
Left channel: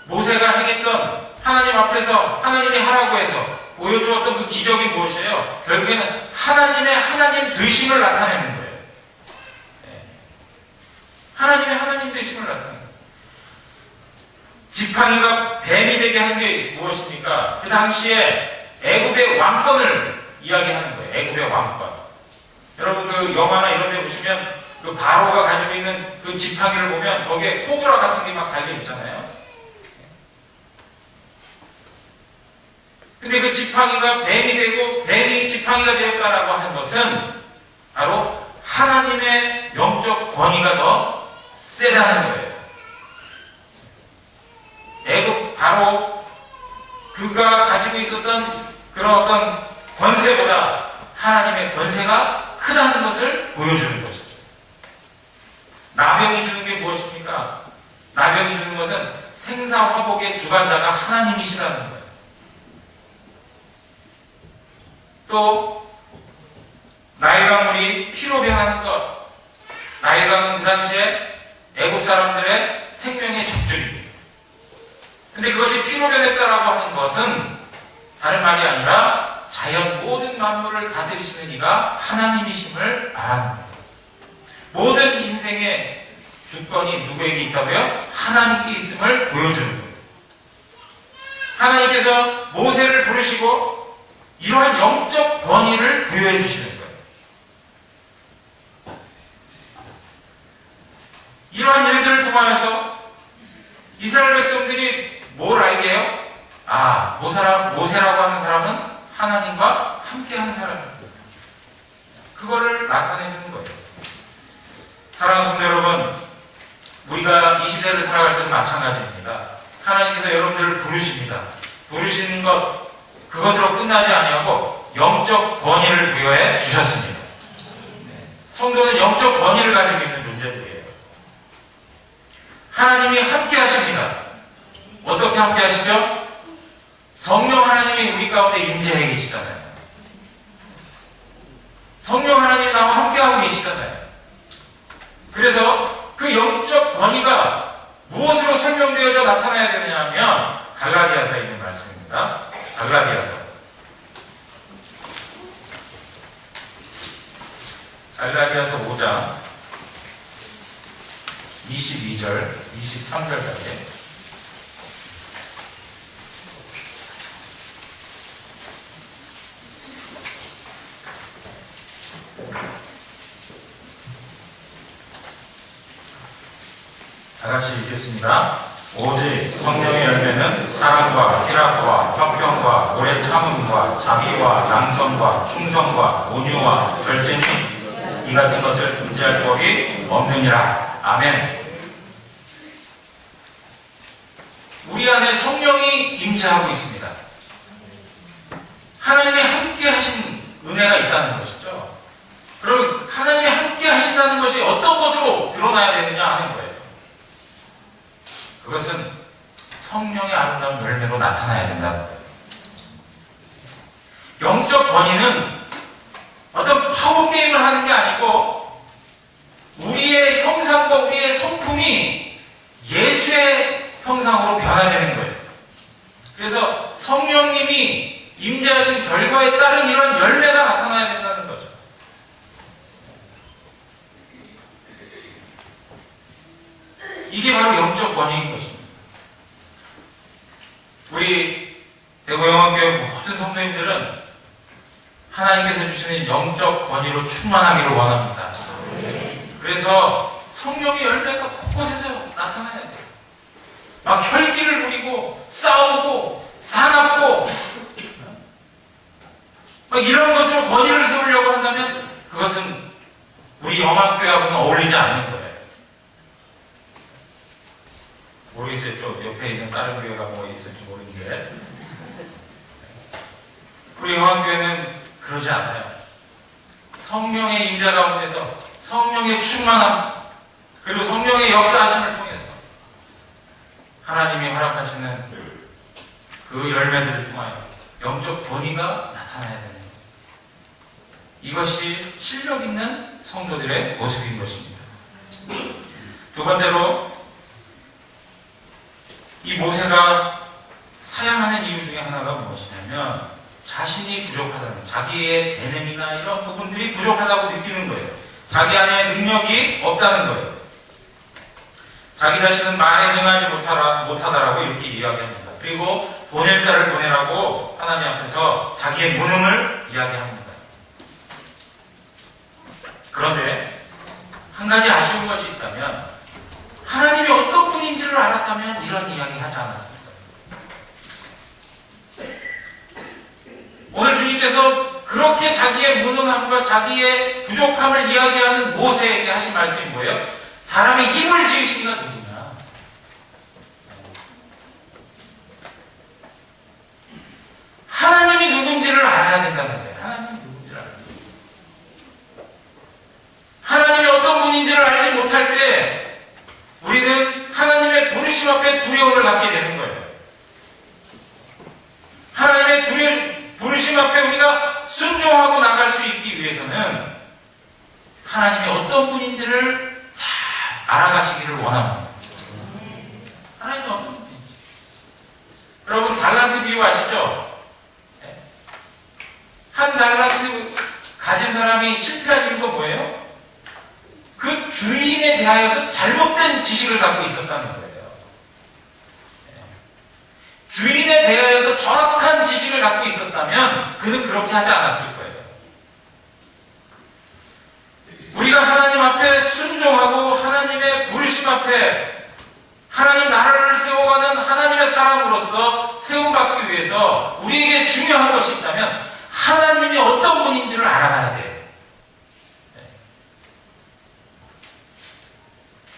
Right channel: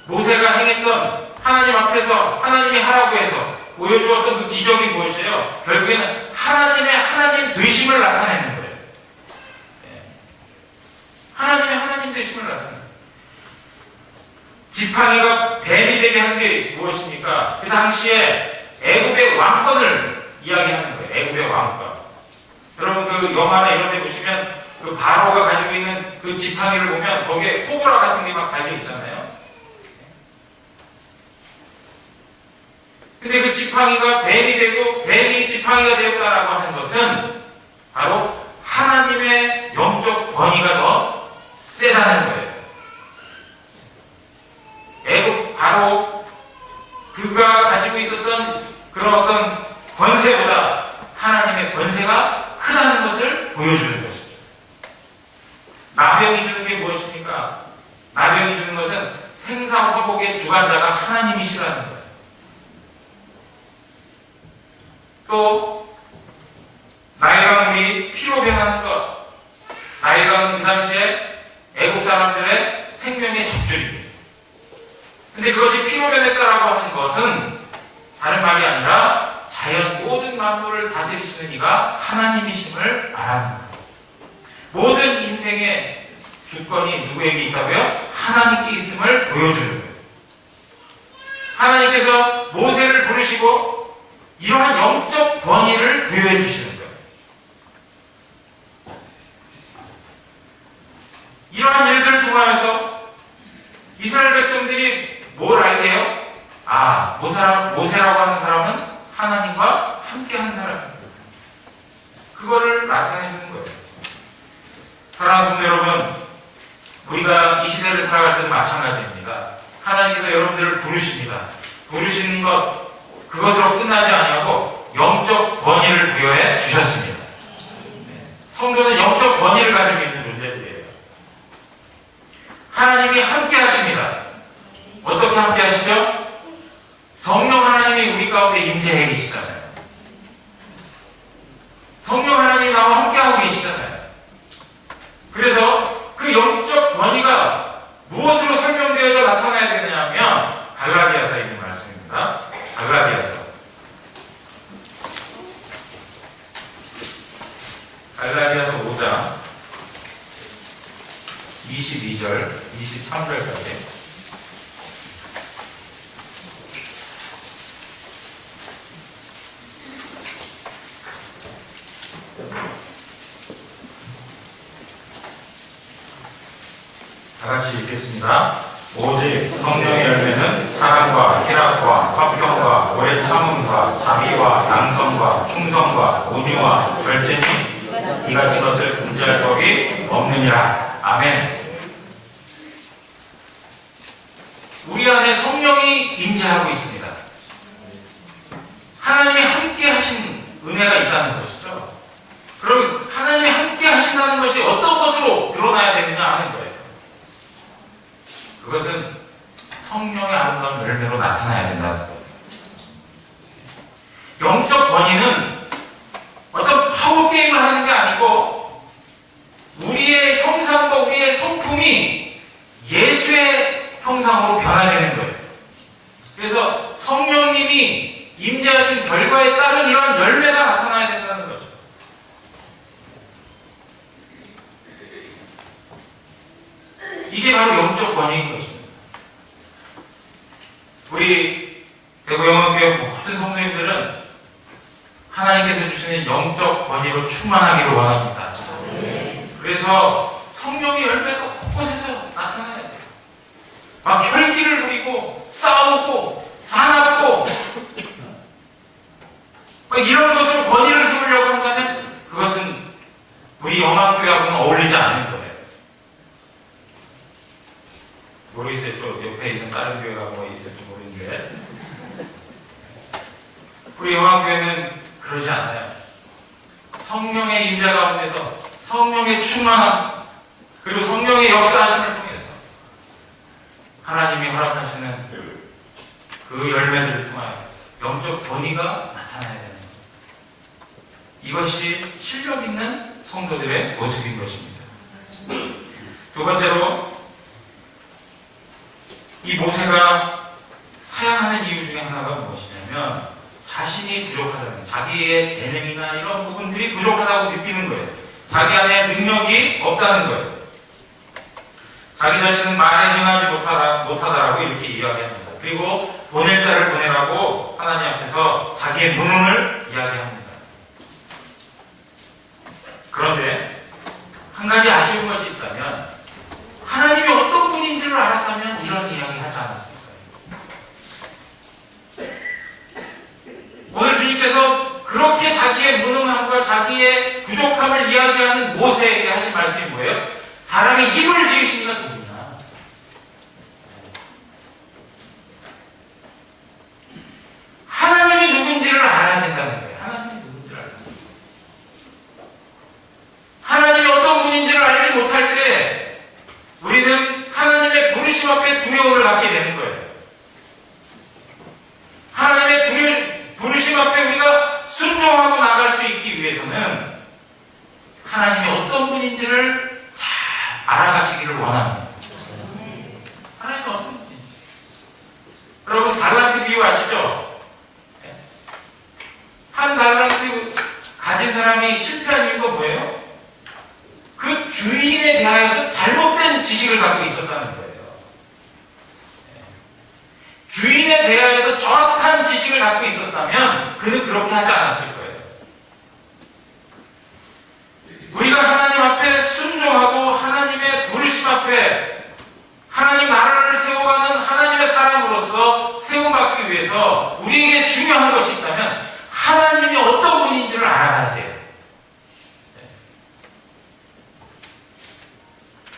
모세가 행했던 하나님 앞에서 하나님이 하라고 해서 보여주었던 그 기적이 무엇이에요? 결국에는 하나님의 하나님 되심을 나타내는 거예요. 하나님의 하나님 되심을 나타내는 거예요. 지팡이가 뱀이 되게 한 게 무엇입니까? 그 당시에 애굽의 왕권을 이야기하는 거예요. 애굽의 왕권. 여러분 그 영화나 이런 데 보시면 그 바로가 가지고 있는 그 지팡이를 보면 거기에 코브라 같은 게 막 달려 있잖아요. 근데 그 지팡이가 뱀이 되고 뱀이 지팡이가 되었다라고 하는 것은 바로 하나님의 영적 권위가 더 세다는 거예요. 애국 바로 그가 가지고 있었던 그런 어떤 권세보다 하나님의 권세가 크다는 것을 보여주는 것이죠. 나병이 주는 게 무엇입니까? 나병이 주는 것은 생사화복의 주관자가 하나님이시라는 거예요. 또 나일강물이 피로 변하는 것, 나일강은 그 당시에 애국 사람들의 생명의 적줄입니다. 근데 그것이 피로 변했다라고 하는 것은 다른 말이 아니라 자연 모든 만물을 다스리시는 이가 하나님이심을 말하는 거예요. 모든 인생의 주권이 누구에게 있다고요? 하나님께 있음을 보여주는 거예요. 하나님께서 모세를 부르시고 이러한 영적 권위를 부여해 주시는 거예요. 이러한 일들을 통하면서 이스라엘 백성들이 뭘 알게 해요? 아, 모세라고 하는 사람은 하나님과 함께하는 사람입니다. 그거를 나타내는 거예요. 사랑하는 성도 여러분, 우리가 이 시대를 살아갈 때도 마찬가지입니다. 하나님께서 여러분들을 부르십니다. 부르시는 것, 그것으로 끝나지 아니하고 영적 권위를 부여해 주셨습니다. 성도는 영적 권위를 가지고 있는 존재들이에요. 하나님이 함께 하십니다. 어떻게 함께 하시죠? 성령 하나님이 우리 가운데 임재해 계시잖아요. 성령 하나님이 나와 함께하고 계시잖아요. 그래서 그 영적 권위가 무엇으로 설명되어져 나타나야 되느냐 하면 갈라디아서에 있는 말씀입니다. 갈라디아서 5장 22절, 23절까지 다 같이 읽겠습니다. 오직 성령의 열매는 사랑과 희락과 화평과 오래 참음과 자비와 양선과 충성과 온유와 절제니 이 같은 것을 금지할 법이 없느니라. 아멘. 우리 안에 성령이 임재하고 있습니다. 하나님이 함께 하신 은혜가 있다는 것이죠. 그럼 하나님이 함께 하신다는 것이 어떤 것으로 드러나야 되느냐 하는 거예요. 그것은 성령의 아름다운 열매로 나타나야 된다는 거예요. 영적 권위는 어떤 파워게임을 하는 게 아니고 우리의 형상과 우리의 성품이 예수의 형상으로 변화되는 거예요. 그래서 성령님이 임재하신 결과에 따른 이런 열매가 나타나야 된다는 거죠. 이게 바로 영적 권위인 것입니다. 우리 대구영원교회 모든 성도님들은 하나님께서 주시는 영적 권위로 충만하기를 원합니다. 그래서 성령의 열매가 곳곳에서 나타나야 돼요. 막 혈기를 부리고 싸우고 사납고 이런 것으로 권위를 세우려고 한다면 그것은 우리 영암교회하고는 어울리지 않는 거예요. 모르겠어요. 또 옆에 있는 다른 교회가 뭐 있을지 모르는데 우리 영암교회는 그러지 않아요. 성령의 임재 가운데서 성령의 충만함 그리고 성령의 역사하심을 통해서 하나님이 허락하시는 그 열매들을 통하여 영적 권위가 나타나야 되는 거예요. 이것이 실력 있는 성도들의 모습인 것입니다. 두 번째로 이 모세가 사양하는 이유 중에 하나가 무엇이냐면 자신이 부족하다는, 자기의 재능이나 이런 부분들이 부족하다고 느끼는 거예요. 자기 안에 능력이 없다는 거예요. 자기 자신은 말에 능하지 못하다라고 이렇게 이야기합니다. 그리고 보낼 자를 보내라고 하나님 앞에서 자기의 무능을 이야기합니다. 그런데 한 가지 아쉬운 것이 있다면 하나님이 어떤 분인지를 알았다면 이런 이야기 하지 않았을 거예요. 오늘 주님께서 그렇게 자기의 무능함과 자기의 부족함을 이야기하는 모세에게 하신 말씀이 뭐예요? 사람이 입을 지으시니가 누구냐? 하나님이 누군지를 알아야 된다는 거예요. 하나님이 누군지를 알아야 돼요. 하나님이 어떤 분인지를 알지 못할 때 우리는 하나님의 부르심 앞에 두려움을 갖게 되는 거예요. 하나님의 부르심 앞에 우리가 순종하고 나갈 수 있기 위해서는 하나님이 어떤 분인지를 잘 알아가시기를 원합니다. 하나님이 어떤 분인지. 여러분 달란트 비유 아시죠? 한 달란트 가진 사람이 실패한 이유가 뭐예요? 그 주인에 대하여서 잘못된 지식을 갖고 있었다는 거예요. 주인에 대하여서 정확한 지식을 갖고 있었다면 그는 그렇게 하지 않았을 거예요. 우리가 하나님 앞에 순종하고 하나님의 부르심 앞에 하나님 나라를 세워가는 하나님의 사람으로서 세움받기 위해서 우리에게 중요한 것이 있다면 하나님이 어떤 분인지를 알아가야 돼요.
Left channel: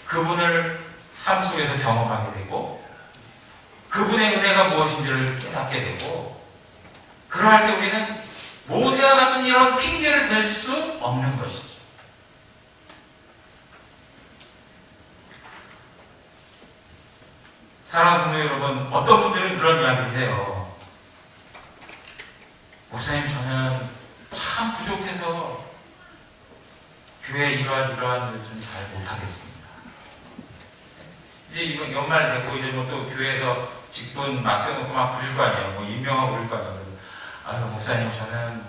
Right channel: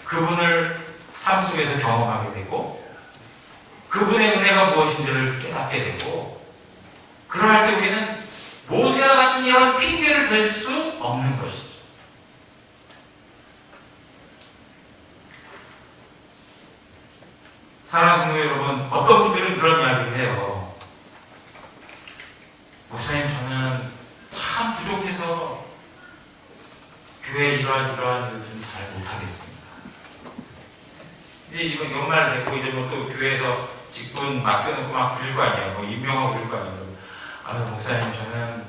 그분을 삶 속에서 경험하게 되고 그분의 은혜가 무엇인지를 깨닫게 되고 그러할 때 우리는 모세와 같은 이런 핑계를 댈 수 없는 것이죠. 사랑하는 성도 여러분, 어떤 분들은 그런 이야기를 해요. 목사님, 저는 참 부족해서 교회 이러한 일을 좀 잘 못하겠습니다. 이제 이거 연말 되고 이제 뭐 또 교회에서 직분 맡겨놓고 막 그릴 거 아니에요. 뭐 임명하고 그릴 거 아니에요. 아유, 목사님, 저는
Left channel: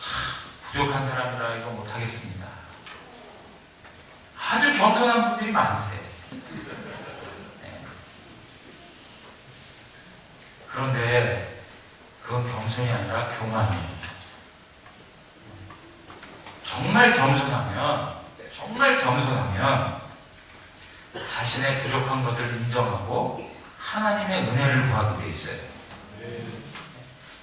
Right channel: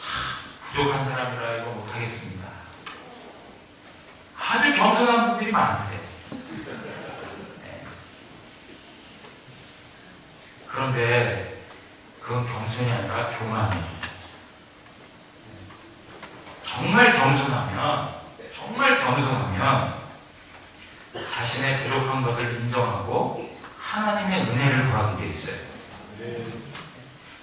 참 부족한 사람이라 이거 못하겠습니다. 아주 겸손한 분들이 많으세요. 네. 그런데 그건 겸손이 아니라 교만이에요. 정말 겸손하면 자신의 부족한 것을 인정하고 하나님의 은혜를 구하게 돼 있어요.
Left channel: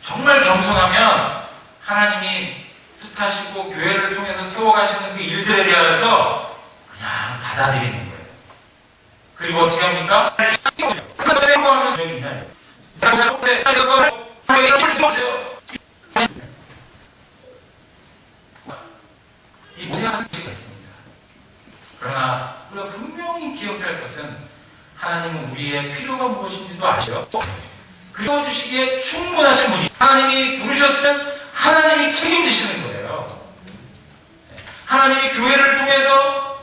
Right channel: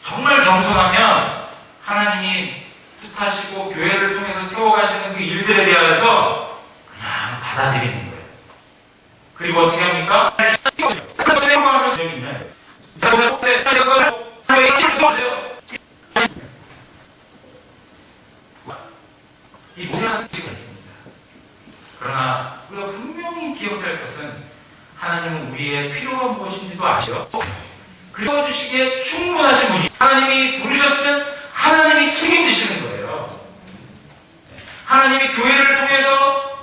정말 겸손하면 하나님이 뜻하시고 교회를 통해서 세워가시는 그 일들에 대하여서 그냥 받아들이는 거예요. 그리고 어떻게 합니까? 이 모세가 하는 짓가 있습니다. 그러나 우리가 분명히 기억할 것은 하나님은 우리의 필요가 무엇인지도 아셔. 그리고 주시기에 충분하신 분이 하나님이 부르셨으면 하나님이 책임지시는 거예요. 하나님이 교회를 통해서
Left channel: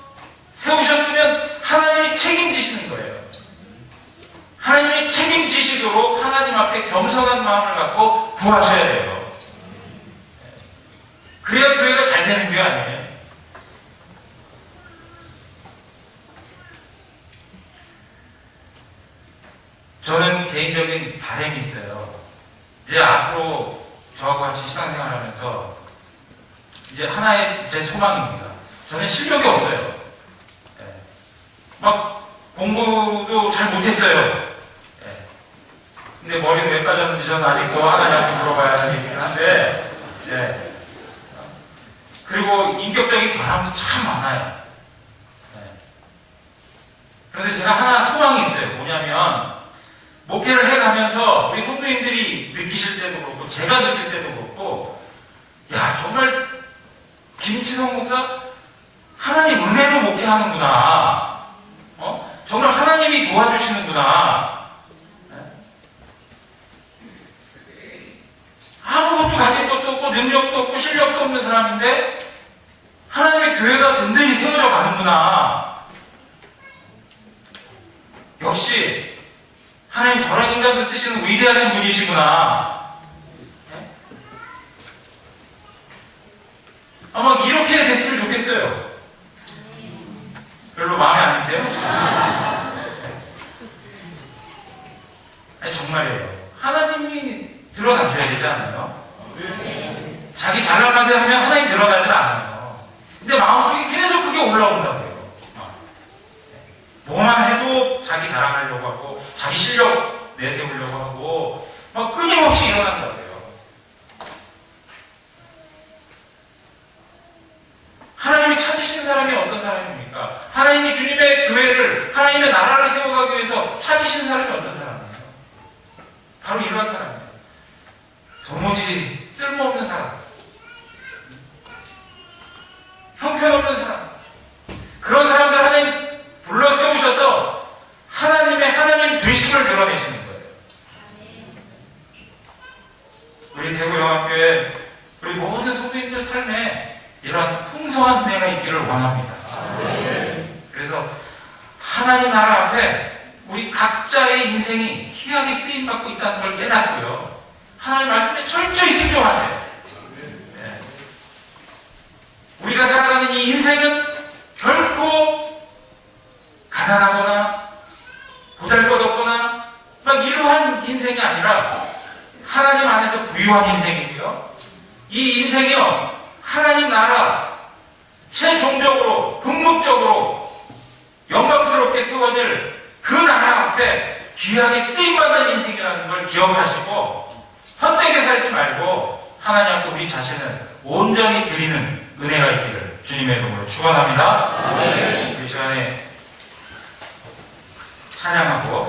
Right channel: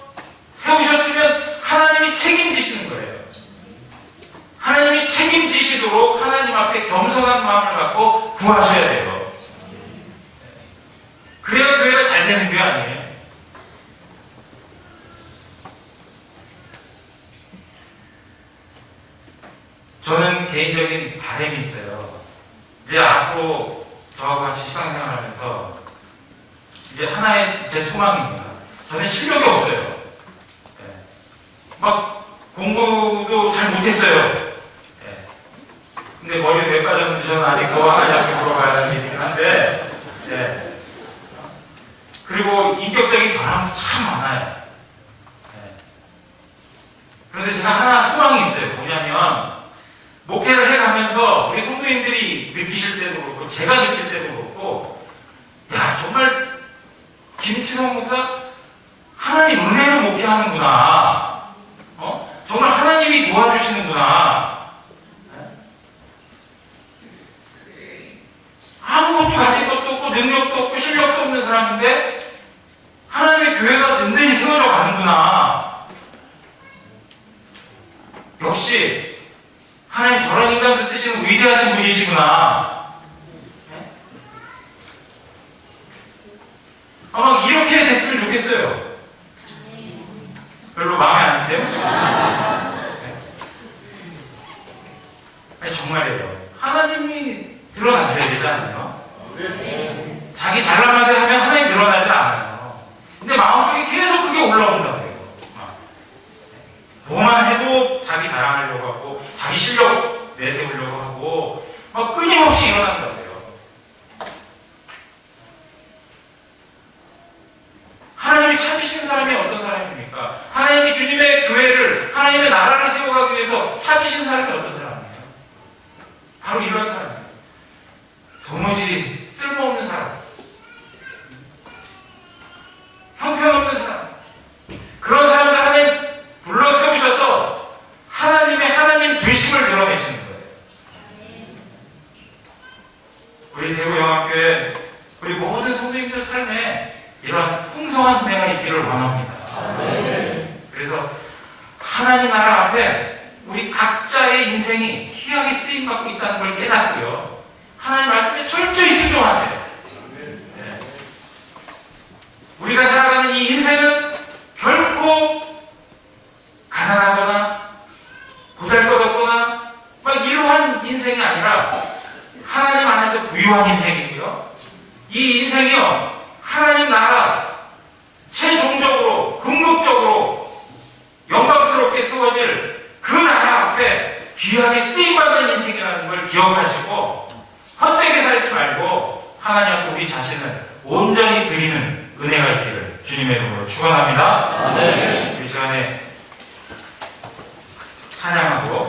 세우셨으면 하나님이 책임지시는 거예요. 하나님이 책임지시도록 하나님 앞에 겸손한 마음을 갖고 구하셔야 돼요. 그래야 교회가 잘 되는 게 아니에요. 저는 개인적인 바람이 있어요. 이제 앞으로 저하고 같이 신앙생활 하면서 이제 하나의 제 소망입니다. 저는 실력이 없어요. 네. 막 공부도 잘 못했어요. 네. 근데 머리는 왜 빠졌는지 저는 아직도 하나님 앞에 물어봐야 하는 일이긴 한데, 네. 그리고 인격적인 결함도 참 많아요. 네. 그런데 제가 하나 소망이 있어요. 뭐냐면 목회를 해가면서 우리 성도님들이 느끼실 때도 그렇고 제가 느낄 때도 그렇고 야 정말 김치성 목사 하나님 은혜로 목회하는구나. 정말 하나님이 도와주시는구나. 아무것도 가진 것도 없고 능력도 없고 실력도 없는 사람인데 하나님의 교회가 든든히 세워져 가는구나. 역시 하나님 저런 인간도 쓰시는 위대하신 분이시구나. 네? 아마 이렇게 됐으면 좋겠어요. 별로 마음에 안 드세요? 네. 아니, 정말이에요. 하나님이 드러나셔야 되지 않나요? 자기 잘난 맛에 하면 하나님 드러나질 않아요. 근데 마음속에 계속 그게 올라온다고요. 뭐만 해도 자기 자랑하려고 하고 자기 실력 내세우려고 하고 막 끊임없이 일어난다고요. 하나님이 찾으신 사람이 어떤 사람입니까? 하나님이 주님의 교회를, 하나님의 나라를 세워가기 위해서 찾으신 사람이 어떤 사람이에요? 바로 이런 사람이에요. 도무지 쓸모없는 사람, 형편없는 사람, 그런 사람들 하나님 불러 세우셔서 하나님의 하나님 되심을 드러내시는 거예요. 우리 대구영합교회, 우리 모든 성도님들 삶에 이러한 풍성한 은혜가 있기를 원합니다. 그래서 하나님 나라 앞에 우리 각자의 인생이 귀하게 쓰임받고 있다는 걸 깨닫고요. 하나님 말씀에 철저히 순종하세요. 네. 우리가 살아가는 이 인생은 결코 가난하거나 보잘것없거나 막 이러한 인생이 아니라 하나님 안에서 부유한 인생이고요. 이 인생이요, 하나님 나라 최종적으로 궁극적으로 영광스럽게 세워질 그 나라 앞에 귀하게 쓰임받는 인생이라는 걸 기억하시고 헛되게 살지 말고 하나님 앞에 우리 자신을 온전히 드리는 은혜가 있기를 주님의 이름으로 축원합니다. 이 시간에 찬양하고